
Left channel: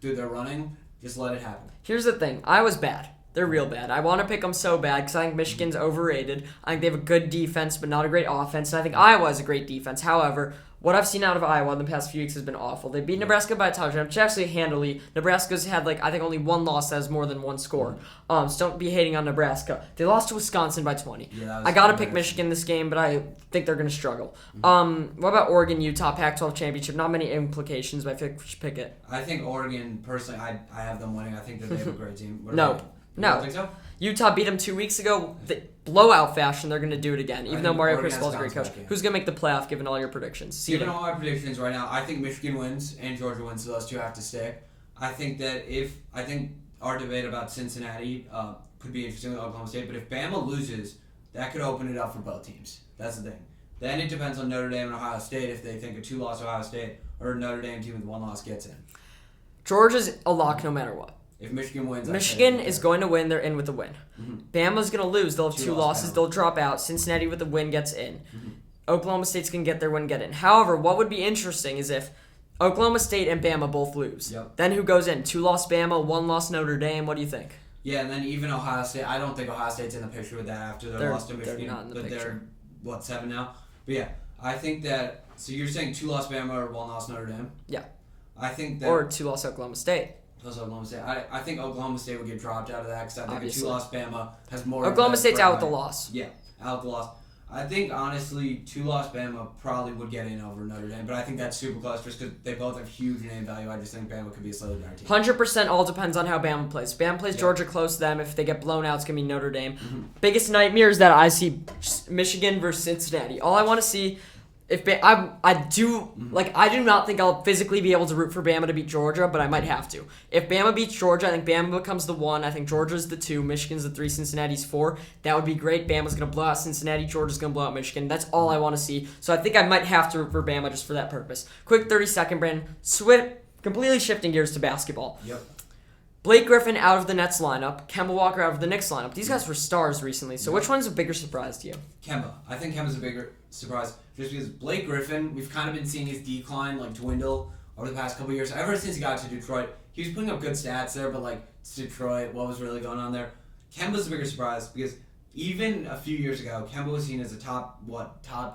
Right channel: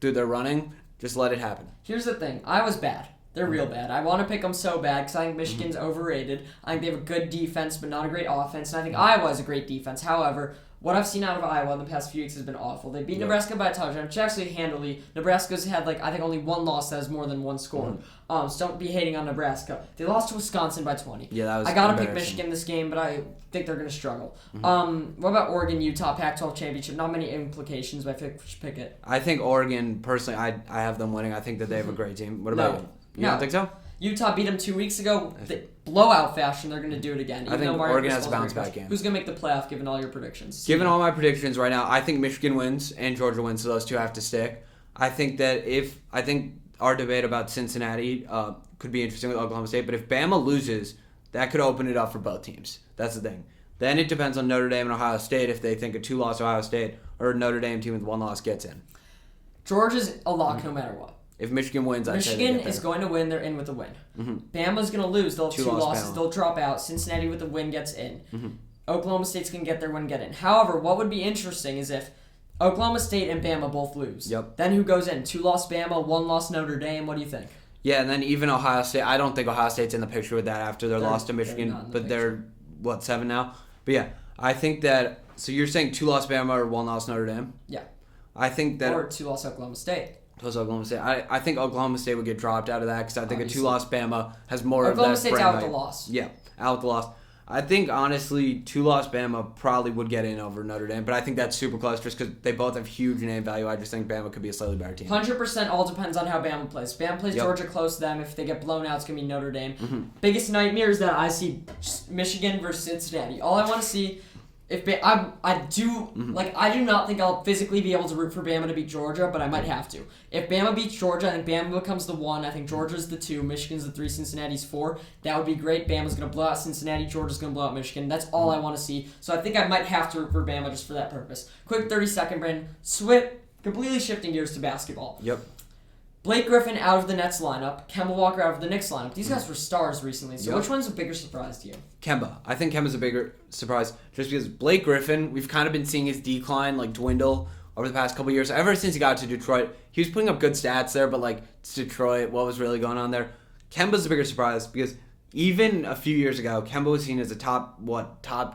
their running. Just let it happen. Here's the thing. Iowa's bad. They're real bad. I want to pick them so bad because I think Michigan's overrated. I think they have a good defense, but not a great offense. And I think Iowa has a great defense. However, what I've seen out of Iowa in the past few weeks has been awful. They beat Nebraska by a touchdown, which actually handily. Nebraska's had, I think only one loss that has more than one score. So don't be hating on Nebraska. They lost to Wisconsin by 20. Yeah, that was I got to pick Michigan this game, but I think they're going to struggle. What about Oregon, Utah, Pac-12 championship? Not many implications, but I feel like we should pick it. I think Oregon, personally, I have them winning. I think that they have a great team. What about you? You don't think so? Utah beat them 2 weeks ago. Blowout fashion, they're going to do it again. I think Oregon has a bounce back game. Who's going to make the playoff, given all your predictions? Given all my predictions right now, I think Michigan wins and Georgia wins, so those two have to stick. I think our debate about Cincinnati could be interesting with Oklahoma State, but if Bama loses, that could open it up for both teams. That's the thing. Then it depends on Notre Dame and Ohio State if they think a 2-loss Ohio State or a Notre Dame team with 1 loss gets in. Georgia's a lock no matter what. If Michigan wins, Michigan is going to win. They're in with a win. Bama's going to lose. They'll have 2 losses. Bama. They'll drop out. Cincinnati with a win gets in. Oklahoma State's going to get their win, get in. However, what would be interesting is if Oklahoma State and Bama both lose. Yep. Then who goes in? 2-loss Bama, 1-loss Notre Dame. What do you think? Yeah, and then even Ohio State. I don't think Ohio State's in the picture with that after their loss to Michigan, but they're 7 now. But yeah, I think that. So you're saying 2-loss Bama or 1-loss Notre Dame? Yeah. I think that. Or 2-loss Oklahoma State. Plus Oklahoma State. I think Oklahoma State would get dropped out of that because I think a 2-loss Bama has more of that. Oklahoma State's out with the loss. Yeah, out with the loss. I think, honestly, 2-loss Bama probably would get in over Notre Dame, but I think that's super close just because they both have huge name value. I just think Bama could be a slightly better team. 100% all depends on how Bama plays. If Bama plays Georgia close to them. If they get blown out, it's going to be Notre Dame. Biggest nightmare is that I see Michigan versus Cincinnati. All I want to see... I do not think I'll physically be able to root for Bama to beat Georgia, but I might have to. If Bama beats Georgia, I think Bama becomes the 1. I think Georgia's the 2. Michigan's the 3. Cincinnati's 4. That would be great. Bama's going to blow out Cincinnati. Georgia's going to blow out Michigan. That's all I want to see. So I think I might have to root for Bama just for that purpose. Quick 30-second, Brandon. Completely shifting gears to basketball. Yep. Blake Griffin out of the Nets lineup, Kemba Walker out of the Knicks lineup. These guys were stars recently, so which one is a bigger surprise to you? Kemba. I think Kemba's a bigger surprise just because Blake Griffin, we've kind of been seeing his decline dwindle over the past couple of years. Ever since he got to Detroit, he was putting up good stats there, but it's Detroit, what was really going on there? Kemba's a bigger surprise because even a few years ago, Kemba was seen as a top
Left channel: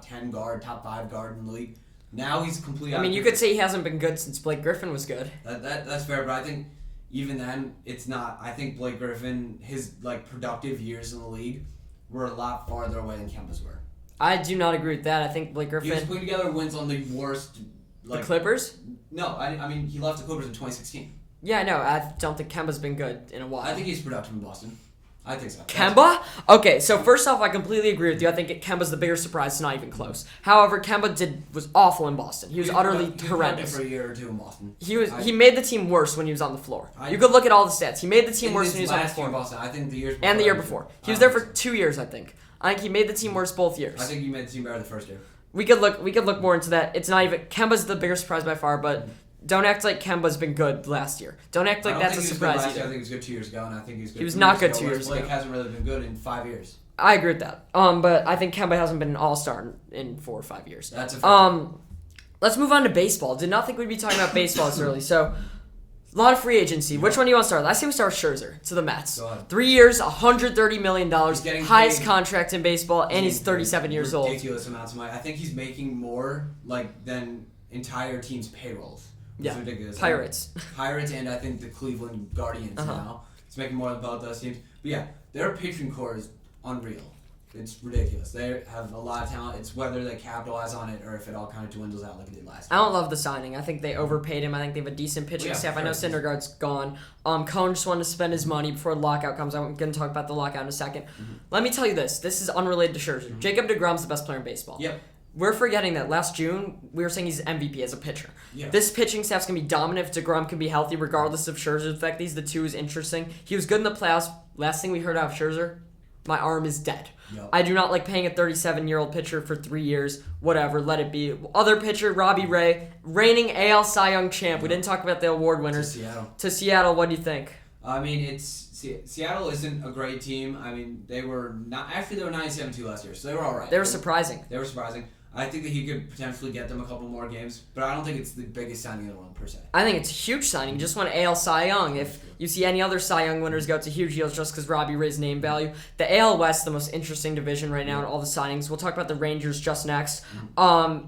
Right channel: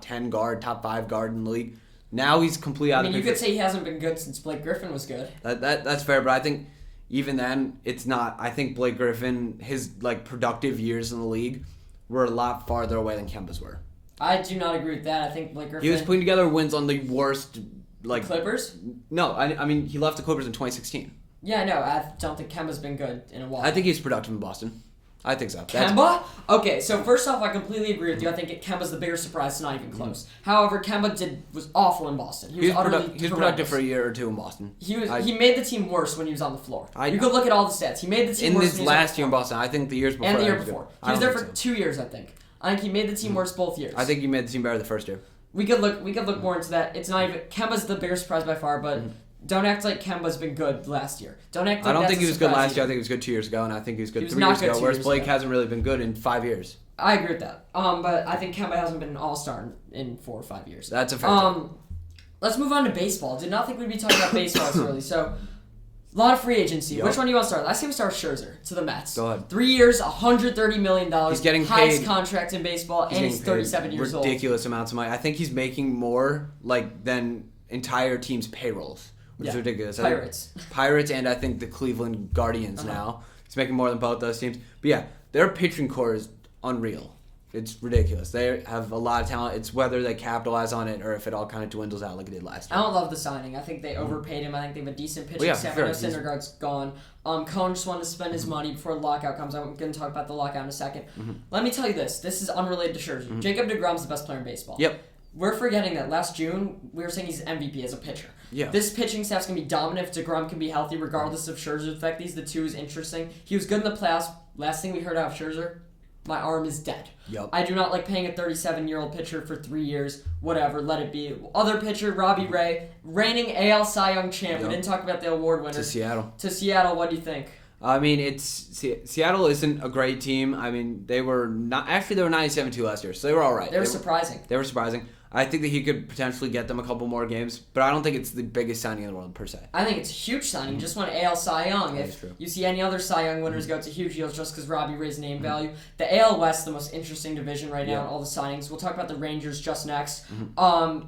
10 guard, top 5 guard in the league. Now he's completely out of you could say he hasn't been good since Blake Griffin was good. That's fair, but I think even then, it's not. I think Blake Griffin, his productive years in the league were a lot farther away than Kemba's were. I do not agree with that. I think Blake Griffin... He was putting together wins on the worst... Clippers? No, I mean, he left the Clippers in 2016. Yeah, no, I don't think Kemba's been good in a while. I think he's productive in Boston. I think so. Kemba? Okay, so first off, I completely agree with you. I think Kemba's the bigger surprise. It's not even close. However, Kemba was awful in Boston. He was productive for a year or two in Boston. He made the team worse when he was on the floor. You could look at all the stats. He made the team worse. In his last year in Boston, I think the years before. And the year before. He was there for 2 years, I think. I think he made the team worse both years. I think he made the team better the first year. We could look more into that. It's not even... Kemba's the bigger surprise by far, but... Don't act like Kemba's been good last year. Don't act like I don't think he was good last year. I think he was good 2 years ago, and I think he was good 3 years ago. Whereas Blake hasn't really been good in 5 years. I agree with that. But I think Kemba hasn't been an all-star in 4 or 5 years. That's a fair Let's move on to baseball. Did not think we'd be talking about baseball this early. So, a lot of free agency. Yep. Which one do you want to start? Let's say we start with Scherzer to the Mets. Go ahead. 3 years, $130 million. He's getting highest contract in baseball, and he's 37 years old. Ridiculous amounts of money. I think he's making more than entire teams' payrolls. Which is ridiculous. Pirates. Pirates and I think the Cleveland Guardians now. He's making more than both those teams. But yeah, their pitching core is unreal. It's ridiculous. They have a lot of talent. It's whether they capitalize on it or if it all kind of dwindles out like it did last year. I don't love the signing. I think they overpaid him. I think they have a decent pitching staff. I know Syndergaard's gone. Cohen just wanted to spend his money before the lockout comes. I'm going to talk about the lockout in a second. Let me tell you this. This is unrelated to Scherzer. Jacob Degrom's the best player in baseball. Yep. We're forgetting that last June, we were saying he's MVP as a pitcher. Yeah. This pitching staff's going to be dominant if Degrom can be healthy, regardless of Scherzer's effect. These the two is interesting. He was good in the playoffs. Last thing we heard out of Scherzer, my arm is dead. Yep. I do not like paying a 37-year-old pitcher for 3 years. Whatever, let it be. Other pitcher, Robbie Ray, reigning AL Cy Young champ. Yep. We didn't talk about the award winner. To Seattle, what do you think? I mean, Seattle isn't a great team. I mean, they were 97-2 last year, so they were all right. They were surprising. They were surprising. I think that he could potentially get them a couple more games, but I don't think it's the biggest signing in the world per se. I think it's a huge signing. Just won AL Cy Young. If you see any other Cy Young winners go to huge deals just because Robbie Ray's name value. The AL West, the most interesting division right now in all the signings. We'll talk about the Rangers just next.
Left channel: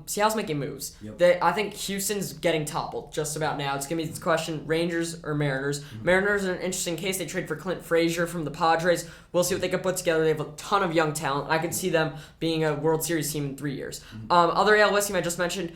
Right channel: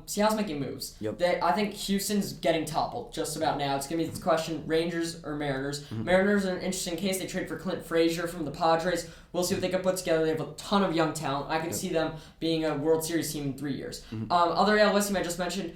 Seattle's making moves. I think Houston's getting toppled just about now. It's going to be the question, Rangers or Mariners. Mariners are an interesting case. They trade for Clint Frazier from the Padres. We'll see what they can put together. They have a ton of young talent. I can see them being a World Series team in 3 years. Other AL West team I just mentioned,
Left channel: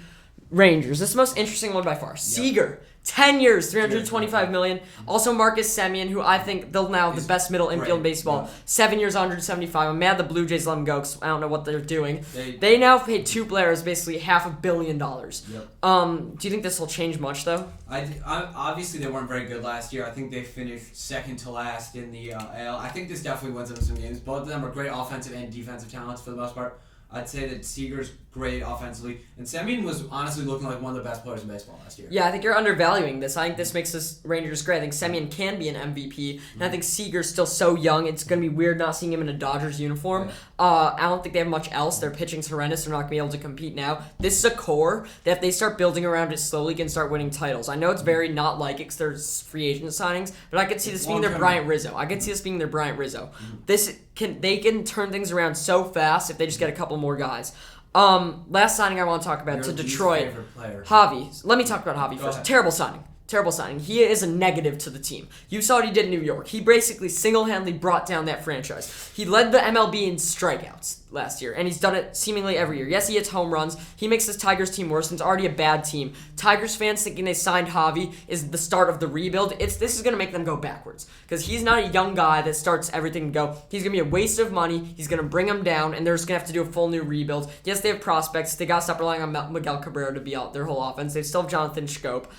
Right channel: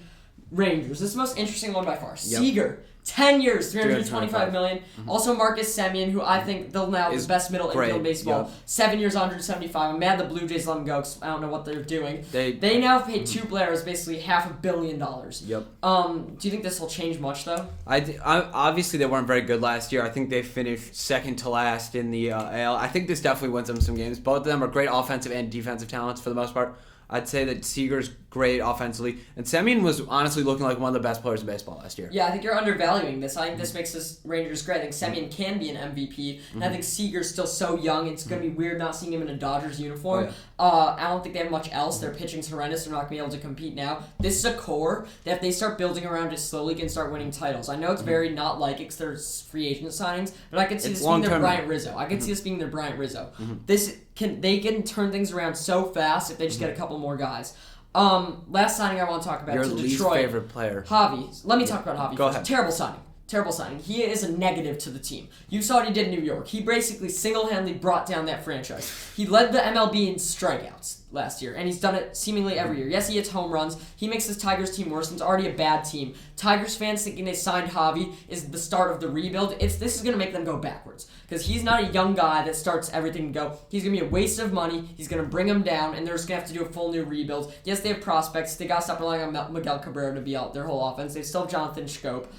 Rangers. This is the most interesting one by far. Seager, 10 years, $325 million. Also Marcus Semien, who I think they'll now the best middle infield in baseball. 7 years, $175. I'm mad the Blue Jays let him go because I don't know what they're doing. They now pay two players basically $500 million. Do you think this will change much though? Obviously they weren't very good last year. I think they finished second to last in the AL. I think this definitely wins them some games. Both of them are great offensive and defensive talents for the most part. I'd say that Seager's great offensively, and Semien was honestly looking like one of the best players in baseball last year. Yeah, I think you're undervaluing this. I think this makes this Rangers great. I think Semien can be an MVP, and I think Seager's still so young. It's going to be weird not seeing him in a Dodgers uniform. I don't think they have much else. Their pitching's horrendous. They're not going to be able to compete now. This is a core that if they start building around it slowly can start winning titles. I know it's very not like it because there's free agent signings, but I could see this being their Bryant Rizzo. I could see this being their Bryant Rizzo. They can turn things around so fast if they just get a couple more guys. Last signing I want to talk about is Detroit. Your least favorite player. Javi. Let me talk about Javi Go first. ahead. Terrible signing. He is a negative to the team. You saw what he did in New York. He basically single-handedly brought down that franchise. He led the MLB in strikeouts last year, and he's done it seemingly every year. Yes, he hits home runs. He makes this Tigers team worse, and it's already a bad team. Tigers fans thinking they signed Javi is the start of the rebuild. This is going to make them go backwards, because he's not a young guy that starts everything and go. He's going to be a waste of money. He's going to bring them down, and they're just going to have to do a full new rebuild. Yes, they have prospects. They got to stop relying on Miguel Cabrera to be out their whole offense. They still have Jonathan Scope.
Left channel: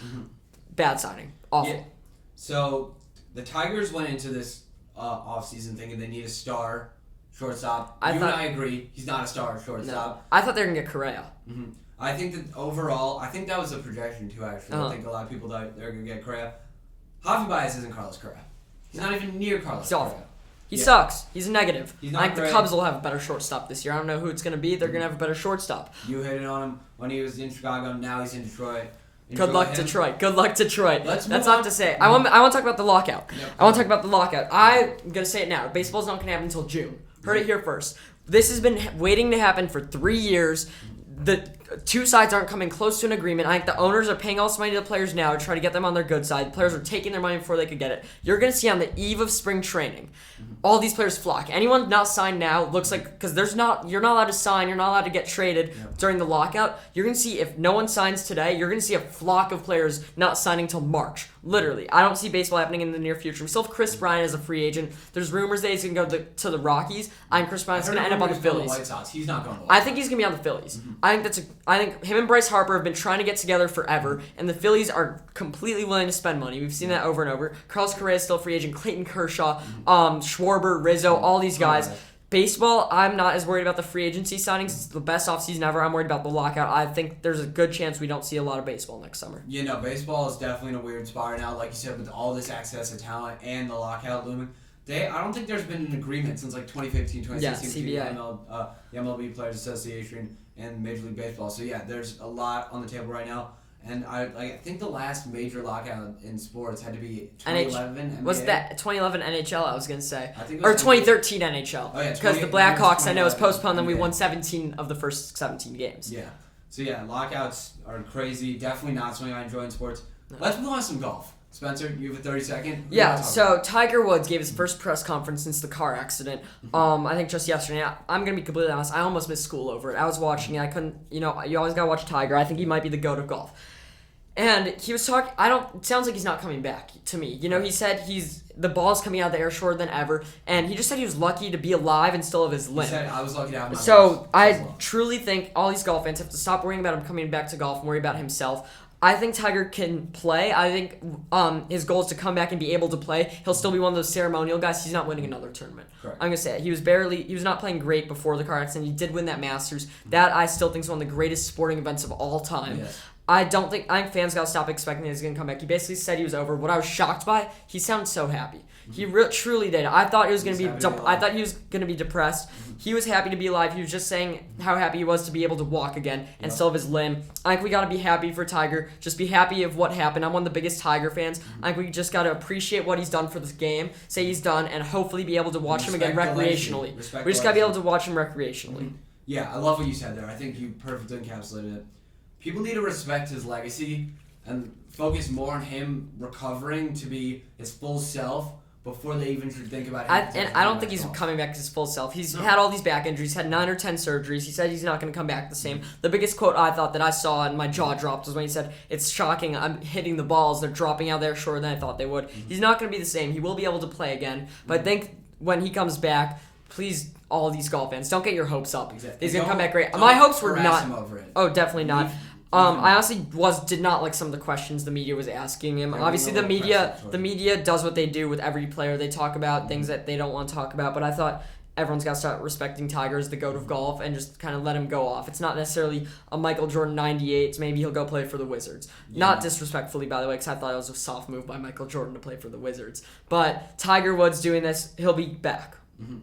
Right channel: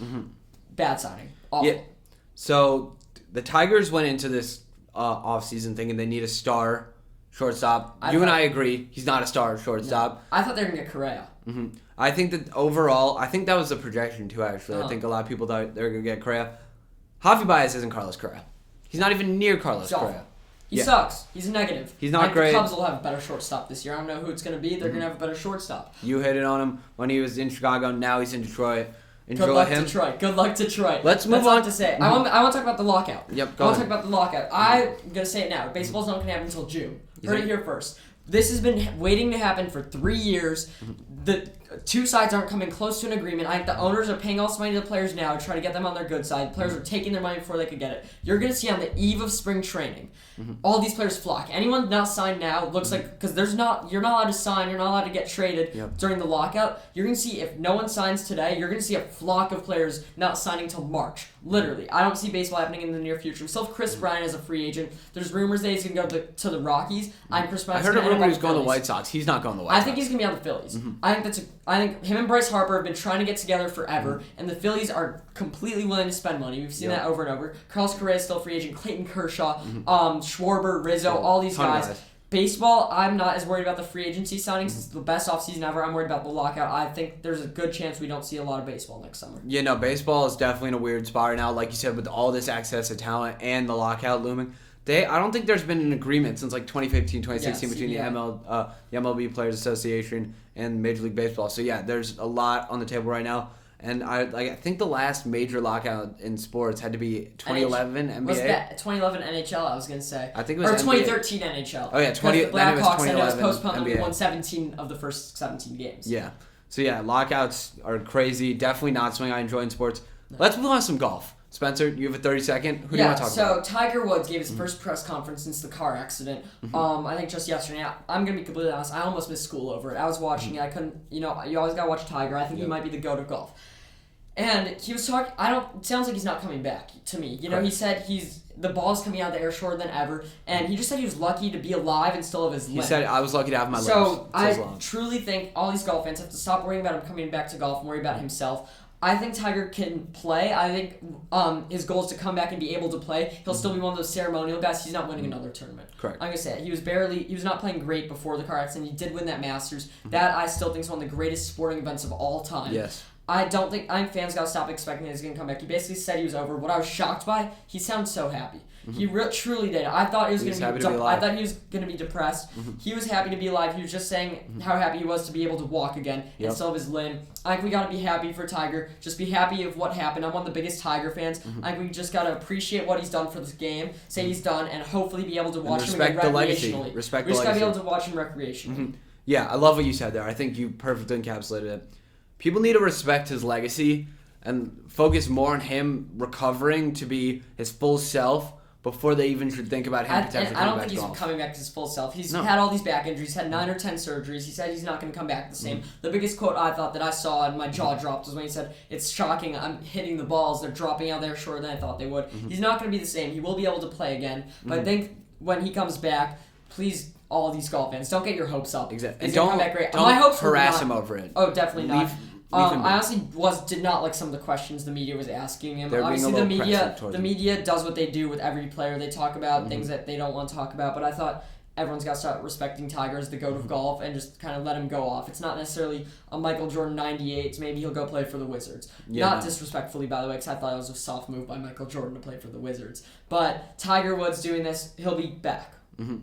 Bad signing. Awful. Yeah. So the Tigers went into this offseason thinking they need a star shortstop. I agree. He's not a star shortstop. I thought they were going to get Correa. I think that overall, I think that was a projection too, actually. I think a lot of people thought they were going to get Correa. Javi Baez isn't Carlos Correa. He's not even near Carlos Correa. He sucks. He's a negative. He's not great. The Cubs will have a better shortstop this year. I don't know who it's going to be. They're going to have a better shortstop. You hit it on him when he was in Chicago. Now he's in Detroit. Good luck, Detroit. Let's move on. That's all to say. I want to talk about the lockout. Yep, I want to talk about the lockout. I'm going to say it now. Baseball's not going to happen until June. Heard it here first. This has been waiting to happen for 3 years. The two sides aren't coming close to an agreement. I think the owners are paying all this money to the players now to try to get them on their good side. Players are taking their money before they could get it. You're going to see on the eve of spring training, all these players flock. Anyone not signed now looks like, because you're not allowed to sign, you're not allowed to get traded during the lockout. You're going to see, if no one signs today, you're going to see a flock of players not signing till March. Literally. I don't see baseball happening in the near future. We still have Chris Bryant as a free agent. There's rumors that he's going to go to the Rockies. Chris Bryant's going to end up going to the White Sox. He's not going to the White Sox. I think he's going to be on the Phillies. I think him and Bryce Harper have been trying to get together forever, and the Phillies are completely willing to spend money. We've seen that over and over. Carlos Correa is still a free agent. Clayton Kershaw, Schwarber, Rizzo, all these guys. Baseball, I'm not as worried about the free agency signings. It's the best offseason ever. I'm worried about the lockout. I think there's a good chance we don't see a lot of baseball next summer. Yeah, no, baseball is definitely in a weird spot right now. Like you said, with all this access to talent and the lockout looming. I don't think there's been an agreement since like 2015, 2016 between the MLB Players Association and Major League Baseball. So yeah, there's a lot on the table right now. And I think the last major lockout in sports had to be 2011 NBA. What's that? 2011 NHL, I was going to say. I think it was 2013 NHL. Oh, yeah. Because the Blackhawks, I know, was postponed and we won 17 of the first 17 games. Yeah. So, yeah, lockouts are crazy. Definitely not something I enjoy in sports. No. Let's move on to some golf. Spencer, you have a 30-second. Who do you want to talk about? So Tiger Woods gave his first press conference since the car accident. I think just yesterday. I'm gonna be completely honest. I almost missed school over it. I was watching it. I couldn't. You always gotta watch Tiger. I think he might be the GOAT of golf. And he was talking. It sounds like he's not coming back to me. He said the ball's coming out of the air shorter than ever, and he just said he was lucky to be alive and still have his limb. He said, I was lucky to have my So I truly think all these golf fans have to stop worrying about him coming back to golf and worry about himself. I think Tiger can play. I think his goal is to come back and be able to play. He'll still be one of those ceremonial guys. He's not winning another tournament. Correct. I'm going to say it. He was not playing great before the car accident. He did win that Masters. That I still think is one of the greatest sporting events of all time. Yes. I think fans got to stop expecting he's going to come back. He basically said he was over. What I was shocked by, he sounds so happy. He truly did. I thought he was going to be. I thought he was going to be depressed. He was happy to be alive. He was just saying how happy he was to be able to walk again and still have his limb. I think we got to be happy for Tiger. Just be happy of what happened. I'm one of the biggest Tiger fans. I think we just got to appreciate what he's done for this game. Say he's done, and hopefully be able to watch him again recreationally. We just got to be able to watch him recreationally. Yeah, I love what you said there. I think you perfectly encapsulated it. People need to respect his legacy and focus more on him recovering to be his full self before they even should think about him. I don't think he's coming back to his full self. He's had all these back injuries, had 9 or 10 surgeries. He said he's not going to come back the same. The biggest quote I thought that I saw and my jaw dropped was when he said, "It's shocking. I'm hitting the balls. They're dropping out there shorter than I thought they would." He's not going to be the same. He will be able to play again. But I think when he comes back, please, all these golf fans, don't get your hopes up. Exactly. He's going to come back great. Don't My hopes harass him over it. Oh, definitely not. I honestly did not like some of the questions the media was asking him. Obviously, the media does what they do with every player. They talk about things that they don't want to talk about. But I thought everyone's got to start respecting Tiger as the GOAT of golf and just kind of let him go off. It's not necessarily a Michael Jordan 98. So maybe he'll go play for the Wizards. Not disrespectfully, by the way, because I thought it was a soft move by Michael Jordan to play for the Wizards. But Tiger Woods doing this, he'll be back.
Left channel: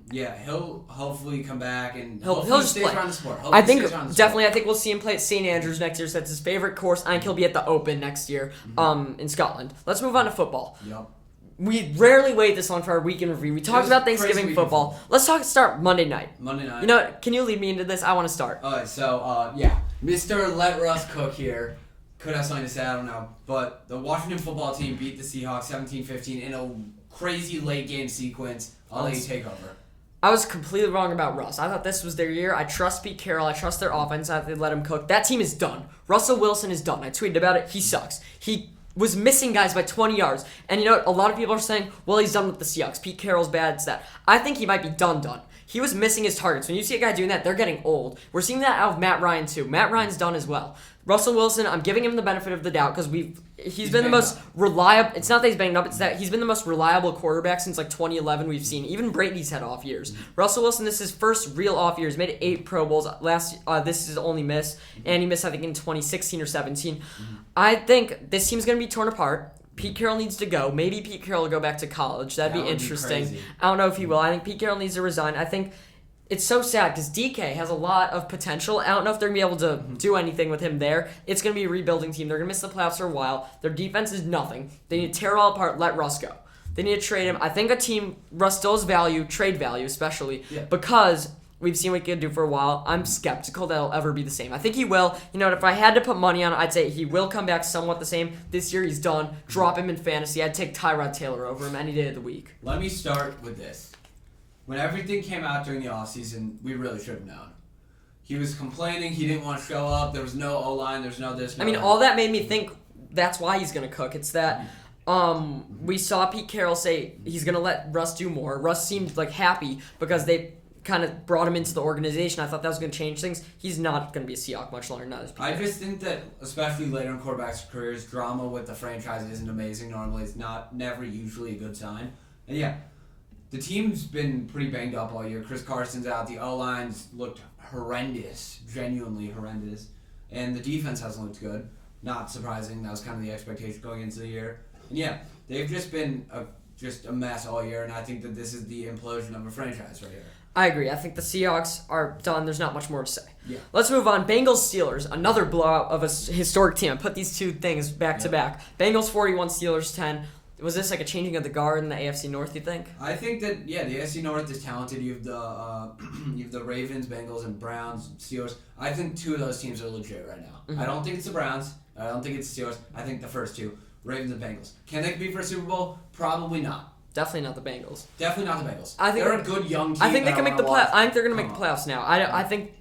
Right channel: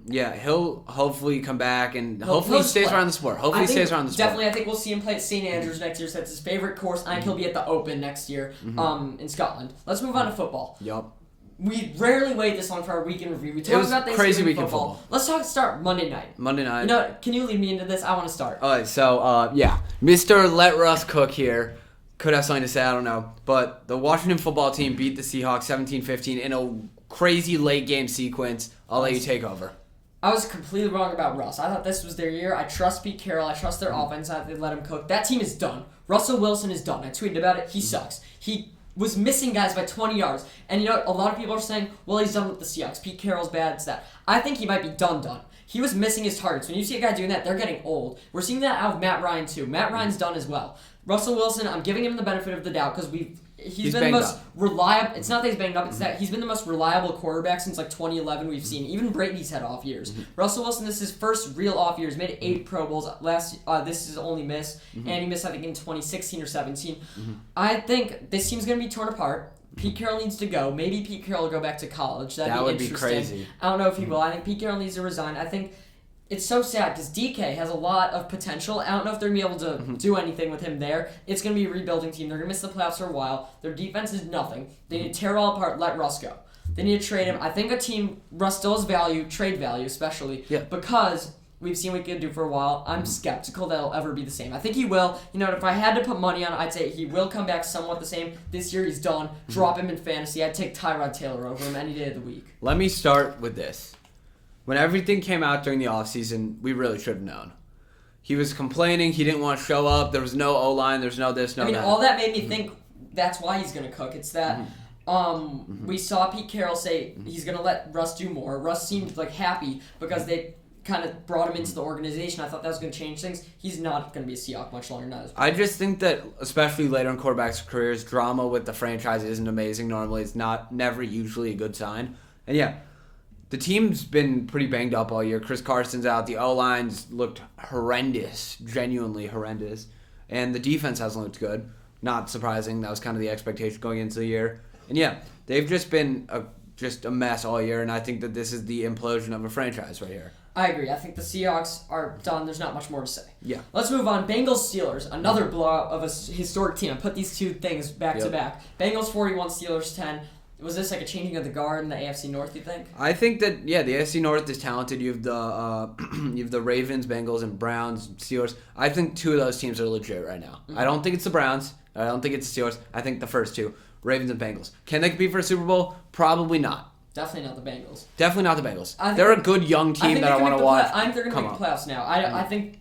Yeah, he'll hopefully come back and hopefully he stays around the sport. I think we'll see him play at St. Andrews next year. So that's his favorite course. I think he'll be at the Open next year in Scotland. Let's move on to football. Yup. We rarely wait this long for our weekend review. We talk about Thanksgiving football. Let's start Monday night. Can you lead me into this? I want to start. Alright, so Mr. Let Russ Cook here. Could have something to say, I don't know. But the Washington football team beat the Seahawks 17-15 in a crazy late game sequence. I'll let you take over. I was completely wrong about Russ. I thought this was their year. I trust Pete Carroll. I trust their offense. I think they let him cook. That team is done. Russell Wilson is done. I tweeted about it. He sucks. He was missing guys by 20 yards. And you know what? A lot of people are saying, well, he's done with the Seahawks. Pete Carroll's bad. It's that. I think he might be done. He was missing his targets. When you see a guy doing that, they're getting old. We're seeing that out of Matt Ryan, too. Matt Ryan's done as well. Russell Wilson, I'm giving him the benefit of the doubt because he's been the most reliable. It's not that he's banged up. It's that he's been the most reliable quarterback since 2011 we've seen. Even Brady's had off years. Russell Wilson, this is his first real off year. He's made 8 Pro Bowls. This is his only miss. And he missed, I think, in 2016 or 17. I think this team's going to be torn apart. Pete Carroll needs to go. Maybe Pete Carroll will go back to college. That would be interesting. Crazy. I don't know if he will. I think Pete Carroll needs to resign. I think it's so sad because DK has a lot of potential. I don't know if they're going to be able to do anything with him there. It's going to be a rebuilding team. They're going to miss the playoffs for a while. Their defense is nothing. They need to tear it all apart, let Russ go. They need to trade him. I think Russ still has value, trade value especially, because we've seen what he can do for a while. I'm skeptical that he'll ever be the same. I think he will. If I had to put money on it, I'd say he will come back somewhat the same. This year he's done. Drop him in fantasy. I'd take Tyrod Taylor over him any day of the week. Let me start with this. When everything came out during the offseason, we really should have known. He was complaining. He didn't want to show up. There was no O-line. There's no this, no that. All that made me think that's why he's going to cook. It's that we saw Pete Carroll say he's going to let Russ do more. Russ seemed happy because they kind of brought him into the organization. I thought that was going to change things. He's not going to be a Seahawk much longer now. I just think that, especially later in quarterbacks' careers, drama with the franchise isn't amazing. Normally, it's never usually a good sign. And the team's been pretty banged up all year. Chris Carson's out. The O-line's looked horrendous, genuinely horrendous. And the defense hasn't looked good. Not surprising. That was kind of the expectation going into the year. And they've just been a mess all year, and I think that this is the implosion of a franchise right here. I agree. I think the Seahawks are done. There's not much more to say. Yeah. Let's move on. Bengals-Steelers, another blowout of a historic team. Put these two things back to back. Bengals 41, Steelers 10. Was this a changing of the guard in the AFC North, you think? I think that, the AFC North is talented. You have the Ravens, Bengals, and Browns, Steelers. I think 2 of those teams are legit right now. I don't think it's the Browns. I don't think it's the Steelers. I think the first 2. Ravens and Bengals. Can they compete for a Super Bowl? Probably not. Definitely not the Bengals. Definitely not the Bengals. They're a good young team that I want to watch. I think they're going to make the playoffs now. I think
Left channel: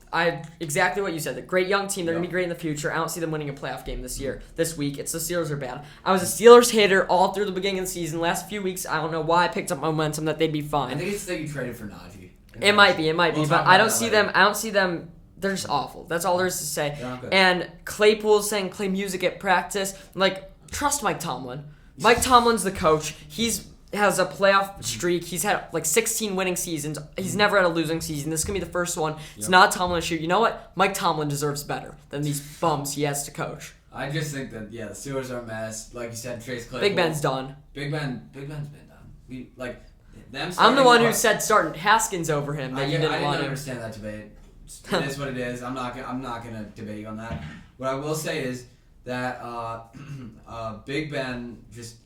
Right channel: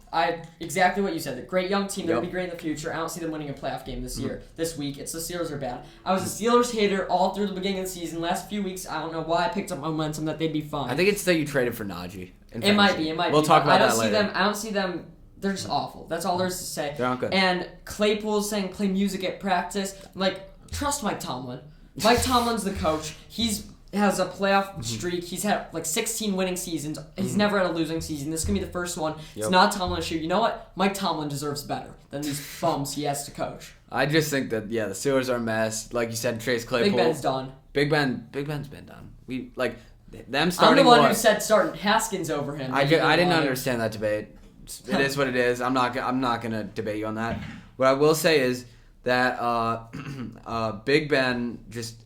exactly what you said. They're a great young team. They're going to be great in the future. I don't see them winning a playoff game this year, this week. It's the Steelers are bad. I was a Steelers hater all through the beginning of the season. Last few weeks, I don't know why I picked up momentum that they'd be fine. I think it's that you traded for Najee. It might be. We'll talk about that later. I don't see them. They're just awful. That's all there is to say. They're not good. And Claypool's saying play music at practice. Like, trust Mike Tomlin. Mike Tomlin's the coach. Has a playoff streak. He's had like 16 winning seasons. He's never had a losing season. This is going to be the first one. It's not Tomlin's shoot. You know what? Mike Tomlin deserves better than these bums he has to coach. I just think that, the Steelers are a mess. Like you said, Chase Claypool. Big Ben's done. Big Ben's been done. Them starting. I'm the one who said starting Haskins over him. I didn't understand that debate. It is what it is. I'm not gonna debate you on that. What I will say is that Big Ben just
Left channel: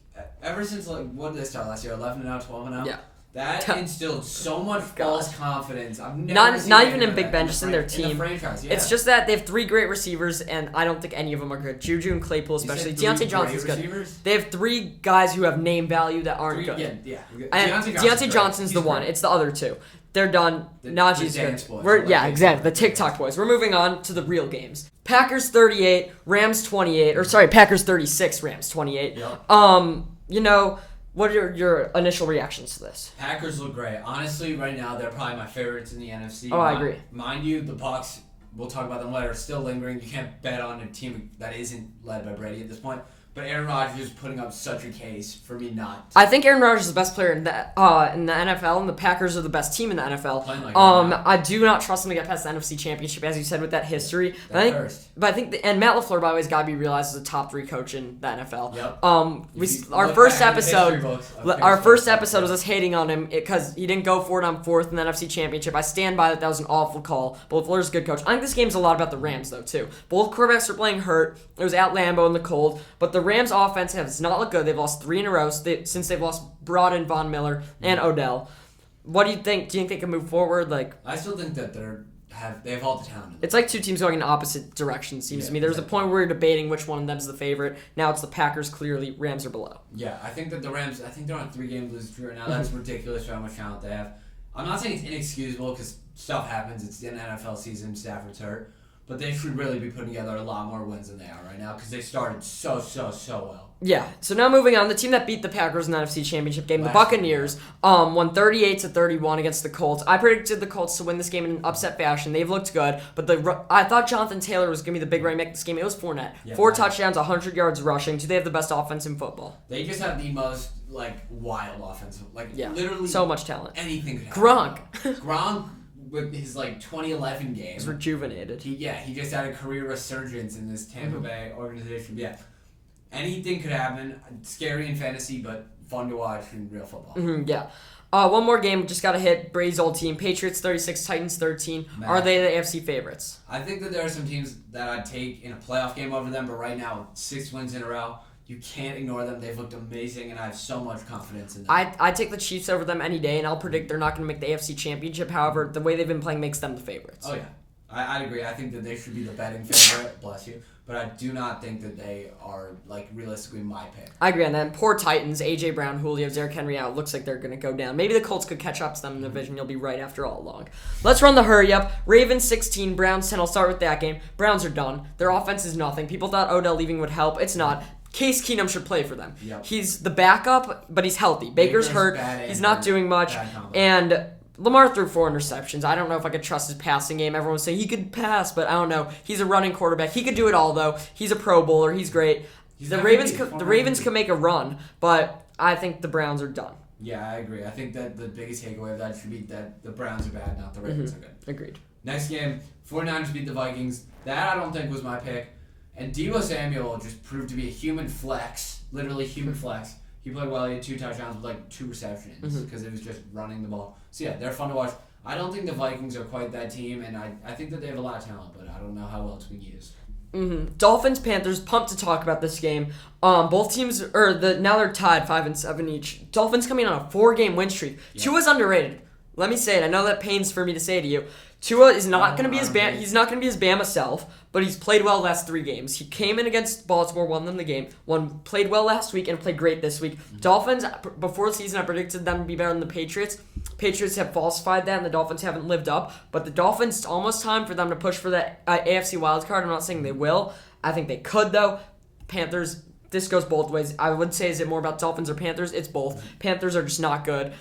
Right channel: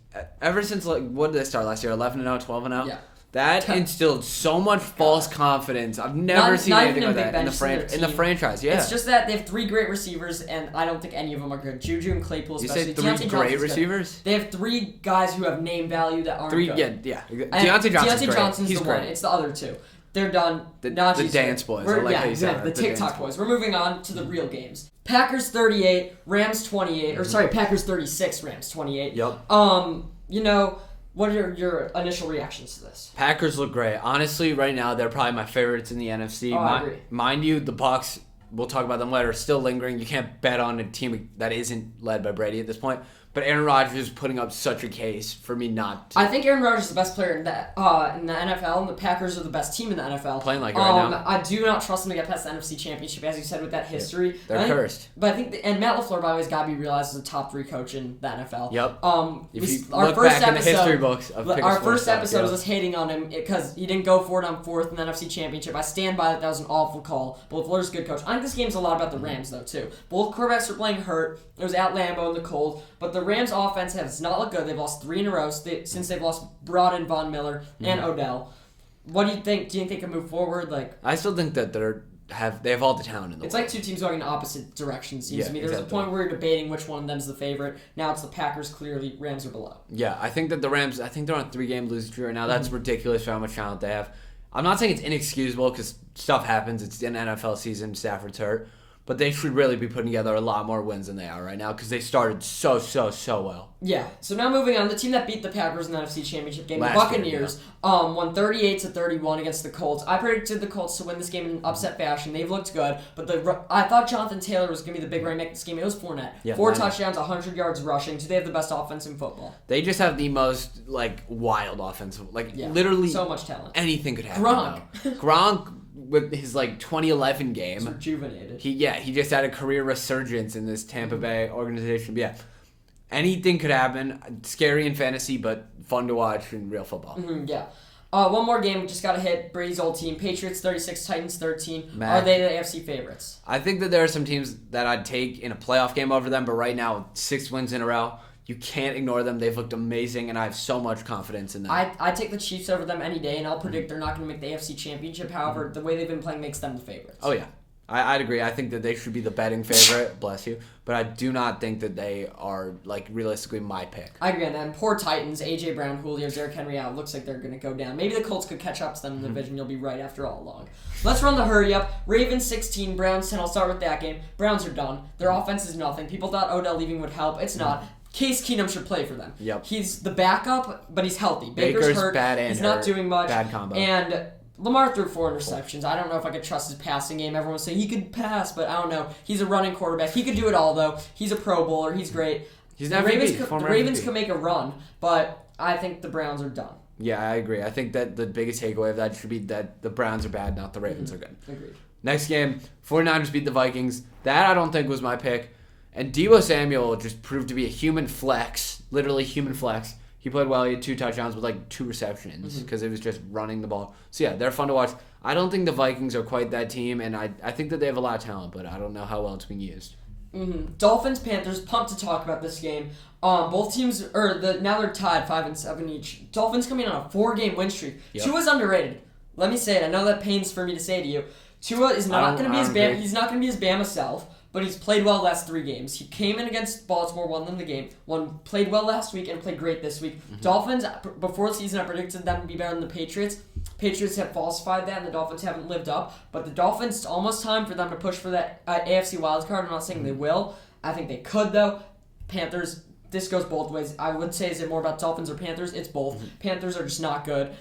ever since what did they start last year? 11-0, 12-0. Yeah. That instilled so much false confidence. I've never seen anything like that in the franchise. Yeah. It's just that they have 3 great receivers, and I don't think any of them are good. Juju and Claypool, especially. You said 3 great receivers? They have 3 guys who have name value that aren't good. Yeah. Deontay Johnson's the one. It's the other 2. They're done. The dance boys. Exactly. The TikTok boys. We're moving on to the real games. Packers 38, Rams 28. Or sorry, Packers 36, Rams 28. Yep. What are your initial reactions to this? Packers look great. Honestly, right now they're probably my favorites in the NFC. I agree. Mind you, the Bucs, we'll talk about them later, are still lingering. You can't bet on a team that isn't led by Brady at this point. But Aaron Rodgers is putting up such a case for me not to. I think Aaron Rodgers is the best player in the NFL, and the Packers are the best team in the NFL. Playing like right now. I do not trust them to get past the NFC Championship, as you said, with that history. They're cursed. But I think, and Matt LaFleur, by the way, has got to be realized as a top 3 coach in the NFL. Yep. Our first episode was us hating on him because he didn't go for it on 4th in the NFC Championship. I stand by that. That was an awful call. But LaFleur's a good coach. I think this game's a lot about the Rams, though, too. Both quarterbacks are playing hurt. It was at Lambeau in the cold. But the Rams' offense has not looked good. They've lost 3 in a row since they've lost Broad and Von Miller and Odell. What do you think? Do you think they can move forward? I still think that they have all the talent in the It's like 2 teams going in opposite directions, seems to me. There's a point where we're debating which one of them's the favorite. Now it's the Packers, clearly. Rams are below. Yeah, I think that the Rams, they're on a 3-game losing streak right now. That's ridiculous for how much talent they have. I'm not saying it's inexcusable because stuff happens. It's an NFL season. Stafford's hurt. But they should really be putting together a lot more wins than they are right now because they started so well. Yeah. So now moving on, the team that beat the Packers in the NFC Championship game, the Buccaneers, won 38-31 against the Colts. I predicted the Colts to win this game in upset fashion. They've looked good, but I thought Jonathan Taylor was going to be the big right make this game. It was Fournette. Yeah, 4 touchdowns, 100 yards rushing. So they have the best offense in football. They just have the most wild offense. Literally so much talent. Anything could happen. Gronk. With his 2011 game, he's rejuvenated. He just had a career resurgence in this Tampa Bay organization. But yeah, anything could happen. Scary in fantasy, but fun to watch in real football. Yeah. One more game, just got to hit Brady's old team. Patriots 36, Titans 13. Are they the AFC favorites? I think that there are some teams that I'd take in a playoff game over them, but right now, 6 wins in a row. You can't ignore them. They've looked amazing, and I have so much confidence in them. I take the Chiefs over them any day, and I'll predict they're not going to make the AFC Championship. However, the way they've been playing makes them the favorites. Oh, yeah. I'd agree. I think that they should be the betting favorite. Bless you. But I do not think that they are, realistically my pick. I agree on that. Poor Titans, A.J. Brown, Julio, Derrick Henry out. Looks like they're going to go down. Maybe the Colts could catch up to them in the division. You'll be right after all along. Let's run the hurry-up. Ravens 16, Browns 10. I'll start with that game. Browns are done. Their offense is nothing. People thought Odell leaving would help. It's not. Case Keenum should play for them. Yep. He's the backup, but he's healthy. Baker's hurt. He's not doing much. Bad combo. And Lamar threw 4 interceptions. I don't know if I could trust his passing game. Everyone would say he could pass, but I don't know. He's a running quarterback. He could do it all, though. He's a Pro Bowler. He's great. The Ravens can make a run, but I think the Browns are done. Yeah, I agree. I think that the biggest takeaway of that should be that the Browns are bad, not the Ravens are good. Agreed. Next game, 49ers beat the Vikings. That I don't think was my pick. And Deebo Samuel just proved to be a human flex, literally human flex. He played well. He had 2 touchdowns with 2 receptions because it was just running the ball. So yeah, they're fun to watch. I don't think the Vikings are quite that team, and I think that they have a lot of talent, but I don't know how well it's being used. Dolphins, Panthers, pumped to talk about this game. Both teams, now they're tied 5-7 each. Dolphins coming on a 4-game win streak. Yep. Tua's underrated. Let me say it. I know that pains for me to say to you. Tua is not going to be his Bama self. But but he's played well last 3 games. He came in against Baltimore, won them the game, played well last week, and played great this week. Dolphins, before the season, I predicted them to be better than the Patriots. Patriots have falsified that, and the Dolphins haven't lived up. But the Dolphins, it's almost time for them to push for that AFC wildcard. I'm not saying they will. I think they could, though. Panthers, this goes both ways. I would say, is it more about Dolphins or Panthers? It's both. Panthers are just not good.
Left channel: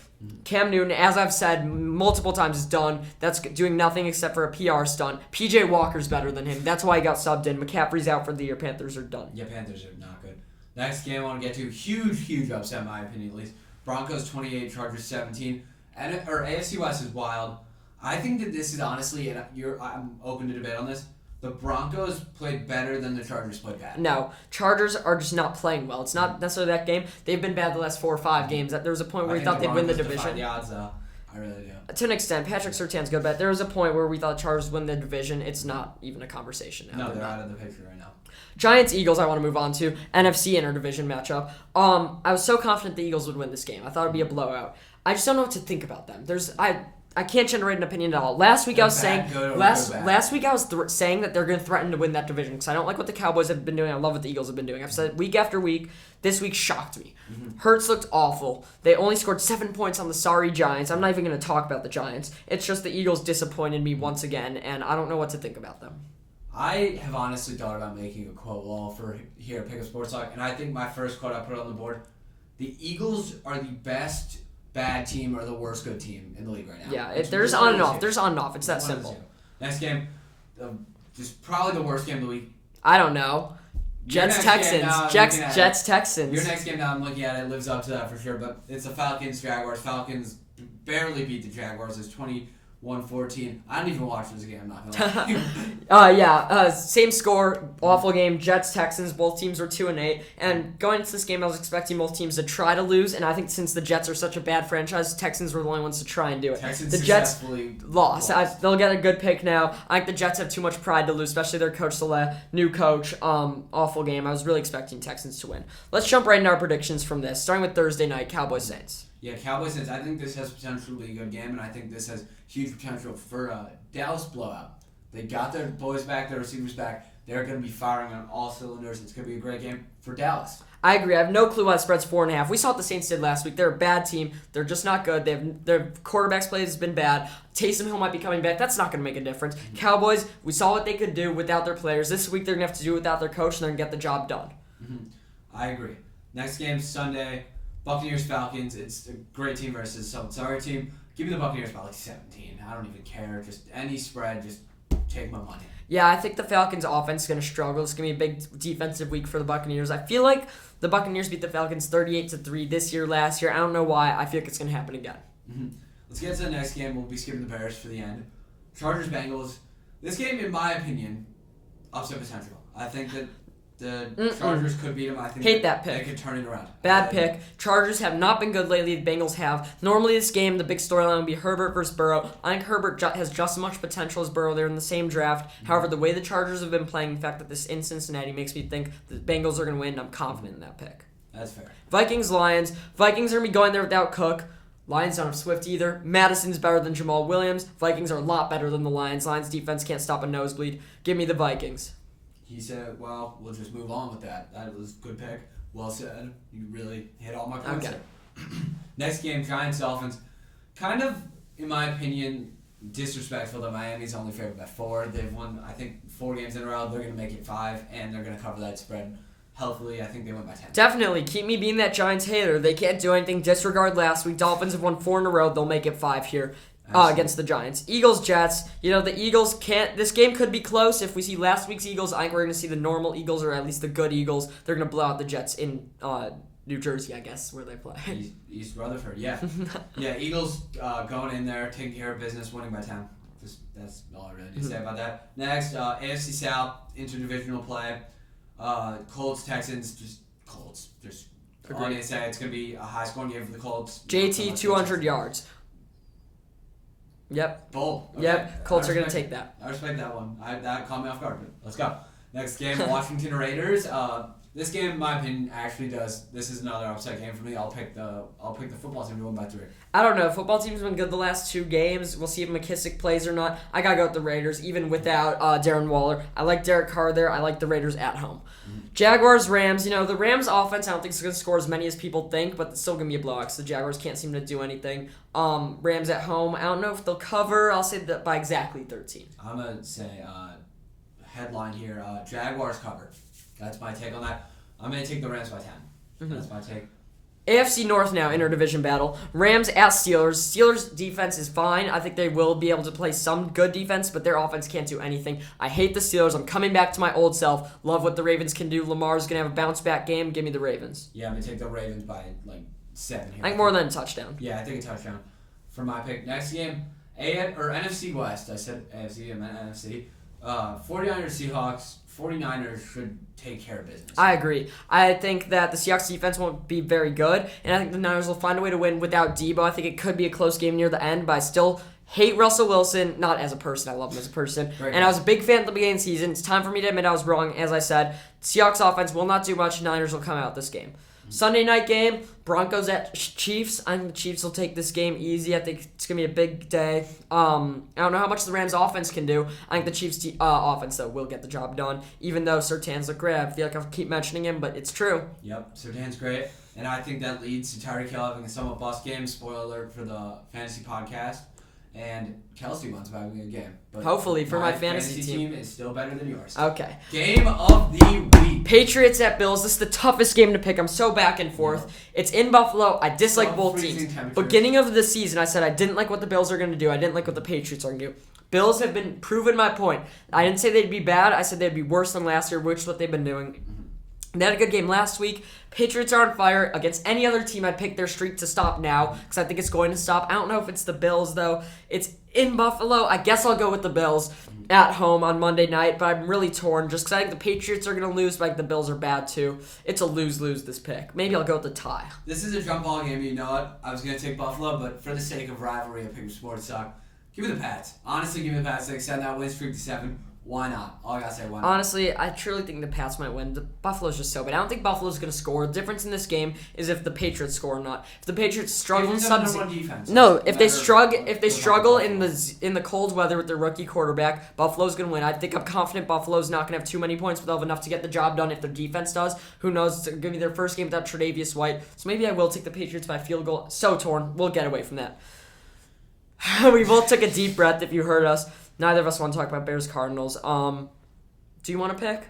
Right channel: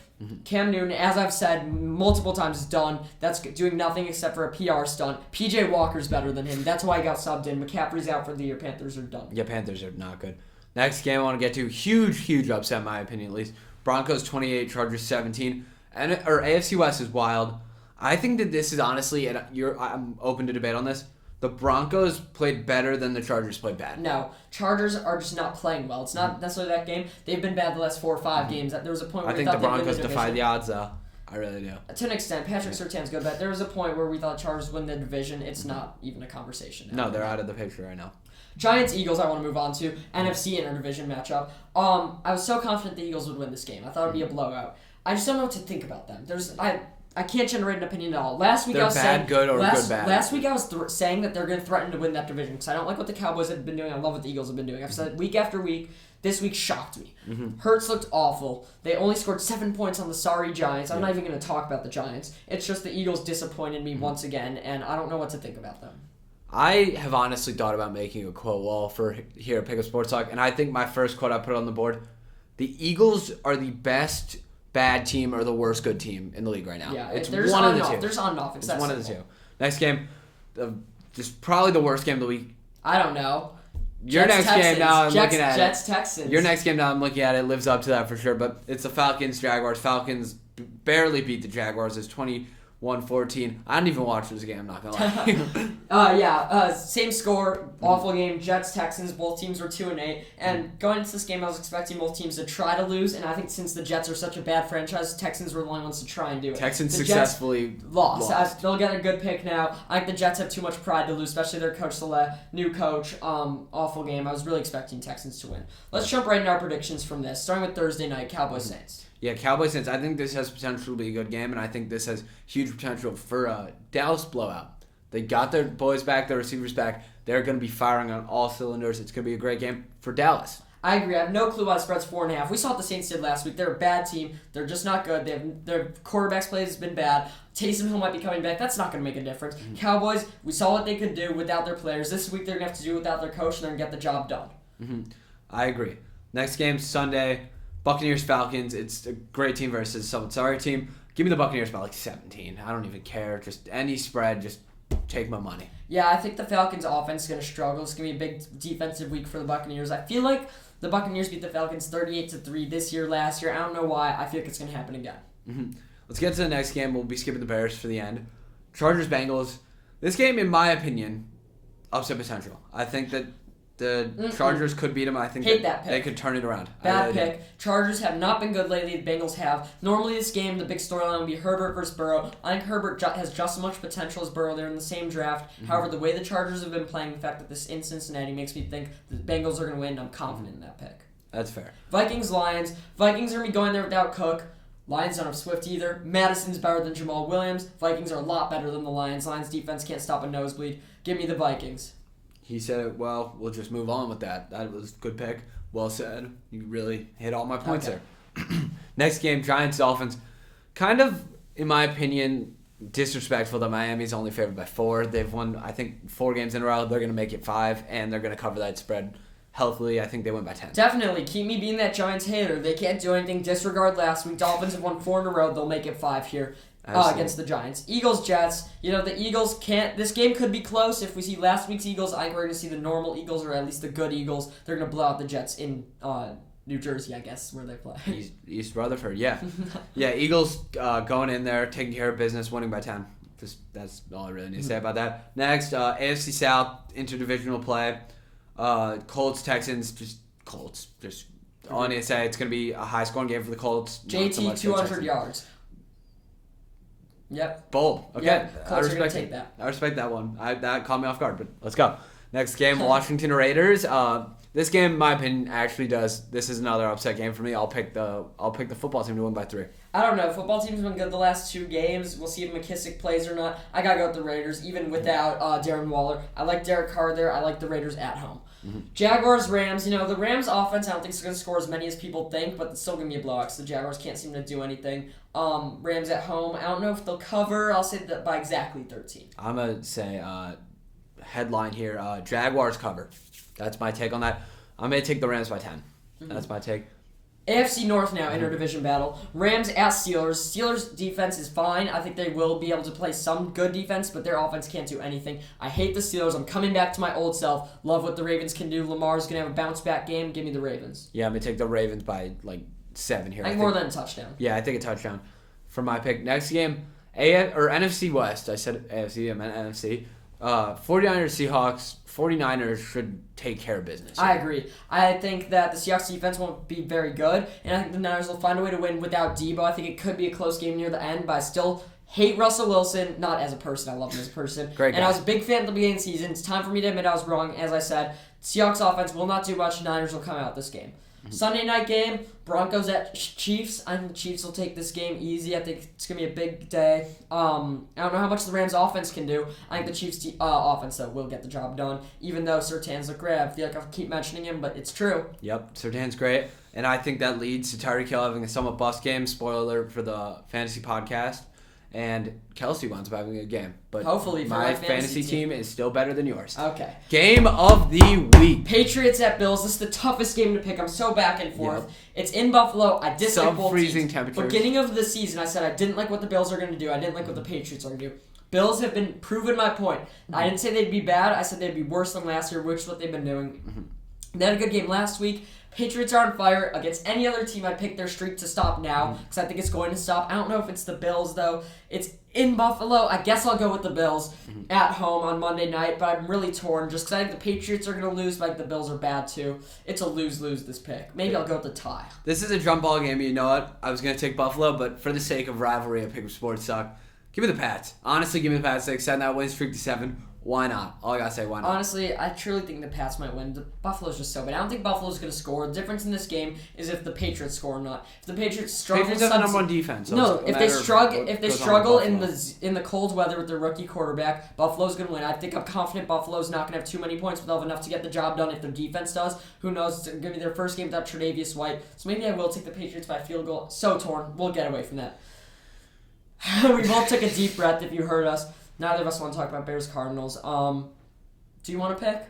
Cam Newton, as I've said multiple times, is done. That's doing nothing except for a PR stunt. PJ Walker's better than him. That's why he got subbed in. McCaffrey's out for the year. Panthers are done. Yeah, Panthers are not good. Next game I want to get to, huge upset in my opinion at least. Broncos 28, Chargers 17. AFC West is wild. I think that this is honestly, and I'm open to debate on this, the Broncos played better than the Chargers played bad. No, Chargers are just not playing well. It's not necessarily that game. They've been bad the last 4 or 5 games. There was a point where we thought they'd win the division. I think the Broncos defied the odds, though. I really do. To an extent, Patrick Surtain's good, but there was a point where we thought Chargers win the division. It's not even a conversation now. No, they're out of the picture right now. Giants-Eagles, I want to move on to. NFC interdivision matchup. I was so confident the Eagles would win this game. I thought it would be a blowout. I just don't know what to think about them. I can't generate an opinion at all. Last week I was saying saying that they're going to threaten to win that division because I don't like what the Cowboys have been doing. I love what the Eagles have been doing. I've said week after week. This week shocked me. Hurts looked awful. They only scored 7 points on the sorry Giants. I'm not even going to talk about the Giants. It's just the Eagles disappointed me once again, and I don't know what to think about them. I have honestly thought about making a quote wall for here at Pick Up Sports Talk, and I think my first quote I put on the board: the Eagles are the best bad team or the worst good team in the league right now. Yeah, it's there's on and off. There's on and off. It's that one simple. of the two. Next game, just probably the worst game of the week. I don't know. Your next game now, I'm looking at Jets Texans. Your next game now, I'm looking at it lives up to that for sure. But it's the Falcons Jaguars. Falcons barely beat the Jaguars. It's 21-14. I didn't even watch this game. I'm not gonna lie. Same score. Awful game. Jets Texans. Both teams were 2-8. And going into this game, I was expecting both teams to try to lose. And I think since the Jets are such a bad franchise, Texans were the only ones to try and do it. Texans the successfully Jets lost. They'll get a good pick now. I think the Jets have too much pride to lose, especially their coach Saleh, new coach. Awful game. I was really expecting Texans to win. Let's jump right into our predictions from this. Starting with Thursday night, Cowboys Saints. Yeah, Cowboys Saints. I think this has potential to be a good game, and I think this has huge potential for a Dallas blowout. They got their boys back, their receivers back. They're going to be firing on all cylinders. It's going to be a great game for Dallas. I agree. I have no clue why the spread's 4.5. We saw what the Saints did last week. They're a bad team. They're just not good. Their quarterback's play has been bad. Taysom Hill might be coming back. That's not going to make a difference. Cowboys, we saw what they could do without their players. This week they're going to have to do it without their coach, and they're going to get the job done. I agree. Next game, Sunday. Buccaneers Falcons. It's a great team versus some sorry team. Give me the Buccaneers by like 17. I don't even care. Just any spread. Just take my money. Yeah, I think the Falcons' offense is going to struggle. It's going to be a big defensive week for the Buccaneers. I feel like the Buccaneers beat the Falcons 38-3 this year, last year. I don't know why. I feel like it's going to happen again. Let's get to the next game. We'll be skipping the Bears for the end. Chargers Bengals. This game, in my opinion, upset potential. I think that the Chargers could beat them. I think they could turn it around. Bad pick. Chargers have not been good lately. The Bengals have. Normally this game, the big storyline would be Herbert versus Burrow. I think Herbert has just as much potential as Burrow. They're in the same draft. However, the way the Chargers have been playing, the fact that this in Cincinnati makes me think the Bengals are going to win. I'm confident in that pick. That's fair. Vikings-Lions. Vikings are going to be going there without Cook. Lions don't have Swift either. Madison's better than Jamal Williams. Vikings are a lot better than the Lions. Lions defense can't stop a nosebleed. Give me the Vikings. He said, well, we'll just move on with that. That was a good pick. Well said. You really hit all my points there. Next game, Giants-Dolphins. Kind of, in my opinion, disrespectful that Miami's only favored by 4. They've won, I think, 4 games in a row. They're going to make it 5, and they're going to cover that spread healthily. I think they win by 10. Definitely. Keep me being that Giants hater. They can't do anything. Disregard last week. Dolphins have won 4 in a row. They'll make it 5 here. Against the Giants. Eagles-Jets. The Eagles can't... This game could be close. If we see last week's Eagles, I think we're going to see the normal Eagles, or at least the good Eagles. They're going to blow out the Jets in New Jersey, I guess, where they play. East Rutherford, yeah. Yeah, Eagles going in there, taking care of business, winning by 10. That's all I really need to say about that. Next, AFC South, interdivisional play. Colts-Texans, Colts. All I need to say, it's going to be a high-scoring game for the Colts. JT, 200 yards. Yep. Bold. Okay. Yep. Colts are going to take that. I respect that one. That caught me off guard, but let's go. Next game, Washington Raiders. This game, in my opinion, actually does. This is another upset game for me. I'll pick the football team to win by 3. I don't know. Football team's been good the last 2 games. We'll see if McKissick plays or not. I gotta go with the Raiders, even without Darren Waller. I like Derek Carr there. I like the Raiders at home. Mm-hmm. Jaguars, Rams. The Rams offense, I don't think is going to score as many as people think, but it's still going to be a blowout because the Jaguars can't seem to do anything. Rams at home. I don't know if they'll cover. I'll say that by exactly 13. I'm going to say headline here, Jaguars cover. That's my take on that. I'm going to take the Rams by 10. Mm-hmm. That's my take. AFC North now, interdivision battle. Rams at Steelers. Steelers' defense is fine. I think they will be able to play some good defense, but their offense can't do anything. I hate the Steelers. I'm coming back to my old self. Love what the Ravens can do. Lamar's going to have a bounce-back game. Give me the Ravens. Yeah, I'm going to take the Ravens by, 7 here. I think more than a touchdown. Yeah, I think a touchdown for my pick. Next game, NFC West. I said AFC, I meant NFC. 49ers, Seahawks. 49ers should take care of business. I agree. I think that the Seahawks defense won't be very good, and I think the Niners will find a way to win without Debo. I think it could be a close game near the end, but I still hate Russell Wilson, not as a person. I love him as a person. Great guy. And I was a big fan at the beginning of the season. It's time for me to admit I was wrong. As I said, Seahawks offense will not do much. Niners will come out this game. Sunday night game, Broncos at Chiefs. And Chiefs will take this game easy. I think it's going to be a big day. I don't know how much the Rams offense can do. I think the Chiefs offense, though, will get the job done, even though Surtain's look great. I feel like I keep mentioning him, but it's true. Yep, Surtain's great. And I think that leads to Tyreek Hill having a somewhat bust game. Spoiler alert for the fantasy podcast. And Kelsey winds up having a good game. But hopefully for my fantasy team is still better than yours. Okay. Game of the week. Patriots at Bills. This is the toughest game to pick. I'm so back and forth. Yep. It's in Buffalo. I dislike both teams. Beginning of the season, I said I didn't like what the Bills are going to do. I didn't like what the Patriots are going to do. Bills have been proving my point. I didn't say they'd be bad. I said they'd be worse than last year, which is what they've been doing. Mm-hmm. They had a good game last week. Patriots are on fire. Against any other team, I'd pick their streak to stop now because I think it's going to stop. I don't know if it's the Bills, though. It's in Buffalo. I guess I'll go with the Bills at home on Monday night, but I'm really torn just because I think the Patriots are going to lose, but I think the Bills are bad, too. It's a lose-lose, this pick. Maybe I'll go with the tie. This is a jump ball game, but you know what? I was going to take Buffalo, but for the sake of rivalry, I pick Sports Talk. Give me the Pats. Honestly, give me the Pats. They extend that win streak to 7. Why not? All I gotta say, why not? Honestly, I truly think the Pats might win. The Buffalo's just so good. I don't think Buffalo's going to score. The difference in this game is if the Patriots score or not. If the Patriots struggle, Patriots have number one defense. No, if they struggle in the cold weather with their rookie quarterback, Buffalo's going to win. I'm confident Buffalo's not going to have too many points, but they'll have enough to get the job done. If their defense does, who knows? It's going to be their first game without Tre'Davious White. So maybe I will take the Patriots by field goal. So torn. We'll get away from that. We both took a deep breath. If you heard us, neither of us want to talk about Bears-Cardinals. Do you want to pick?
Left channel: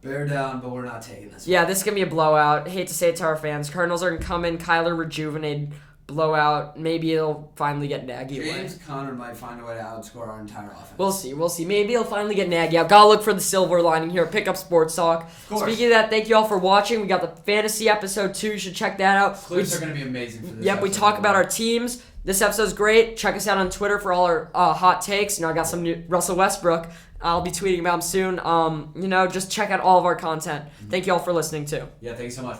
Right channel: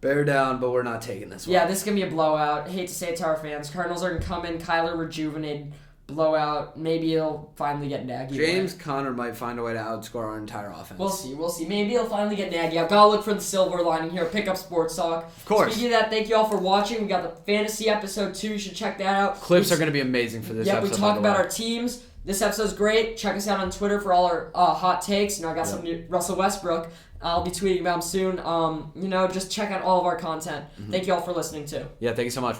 Bear down, but we're not taking this one. Yeah, this is going to be a blowout. Hate to say it to our fans. Cardinals are going to come in, Kyler rejuvenated, blowout. Maybe it'll finally get Nagy. James Conner might find a way to outscore our entire offense. We'll see. Maybe he'll finally get Nagy. I've got to look for the silver lining here. Pick up Sports Talk. Of course. Speaking of that, thank you all for watching. We got the fantasy episode 2. You should check that out. Clips are going to be amazing for this episode. Yeah, we talk about our teams. This episode's great. Check us out on Twitter for all our hot takes. I got some new Russell Westbrook. I'll be tweeting about him soon. Just check out all of our content. Thank you all for listening too. Yeah, thank you so much.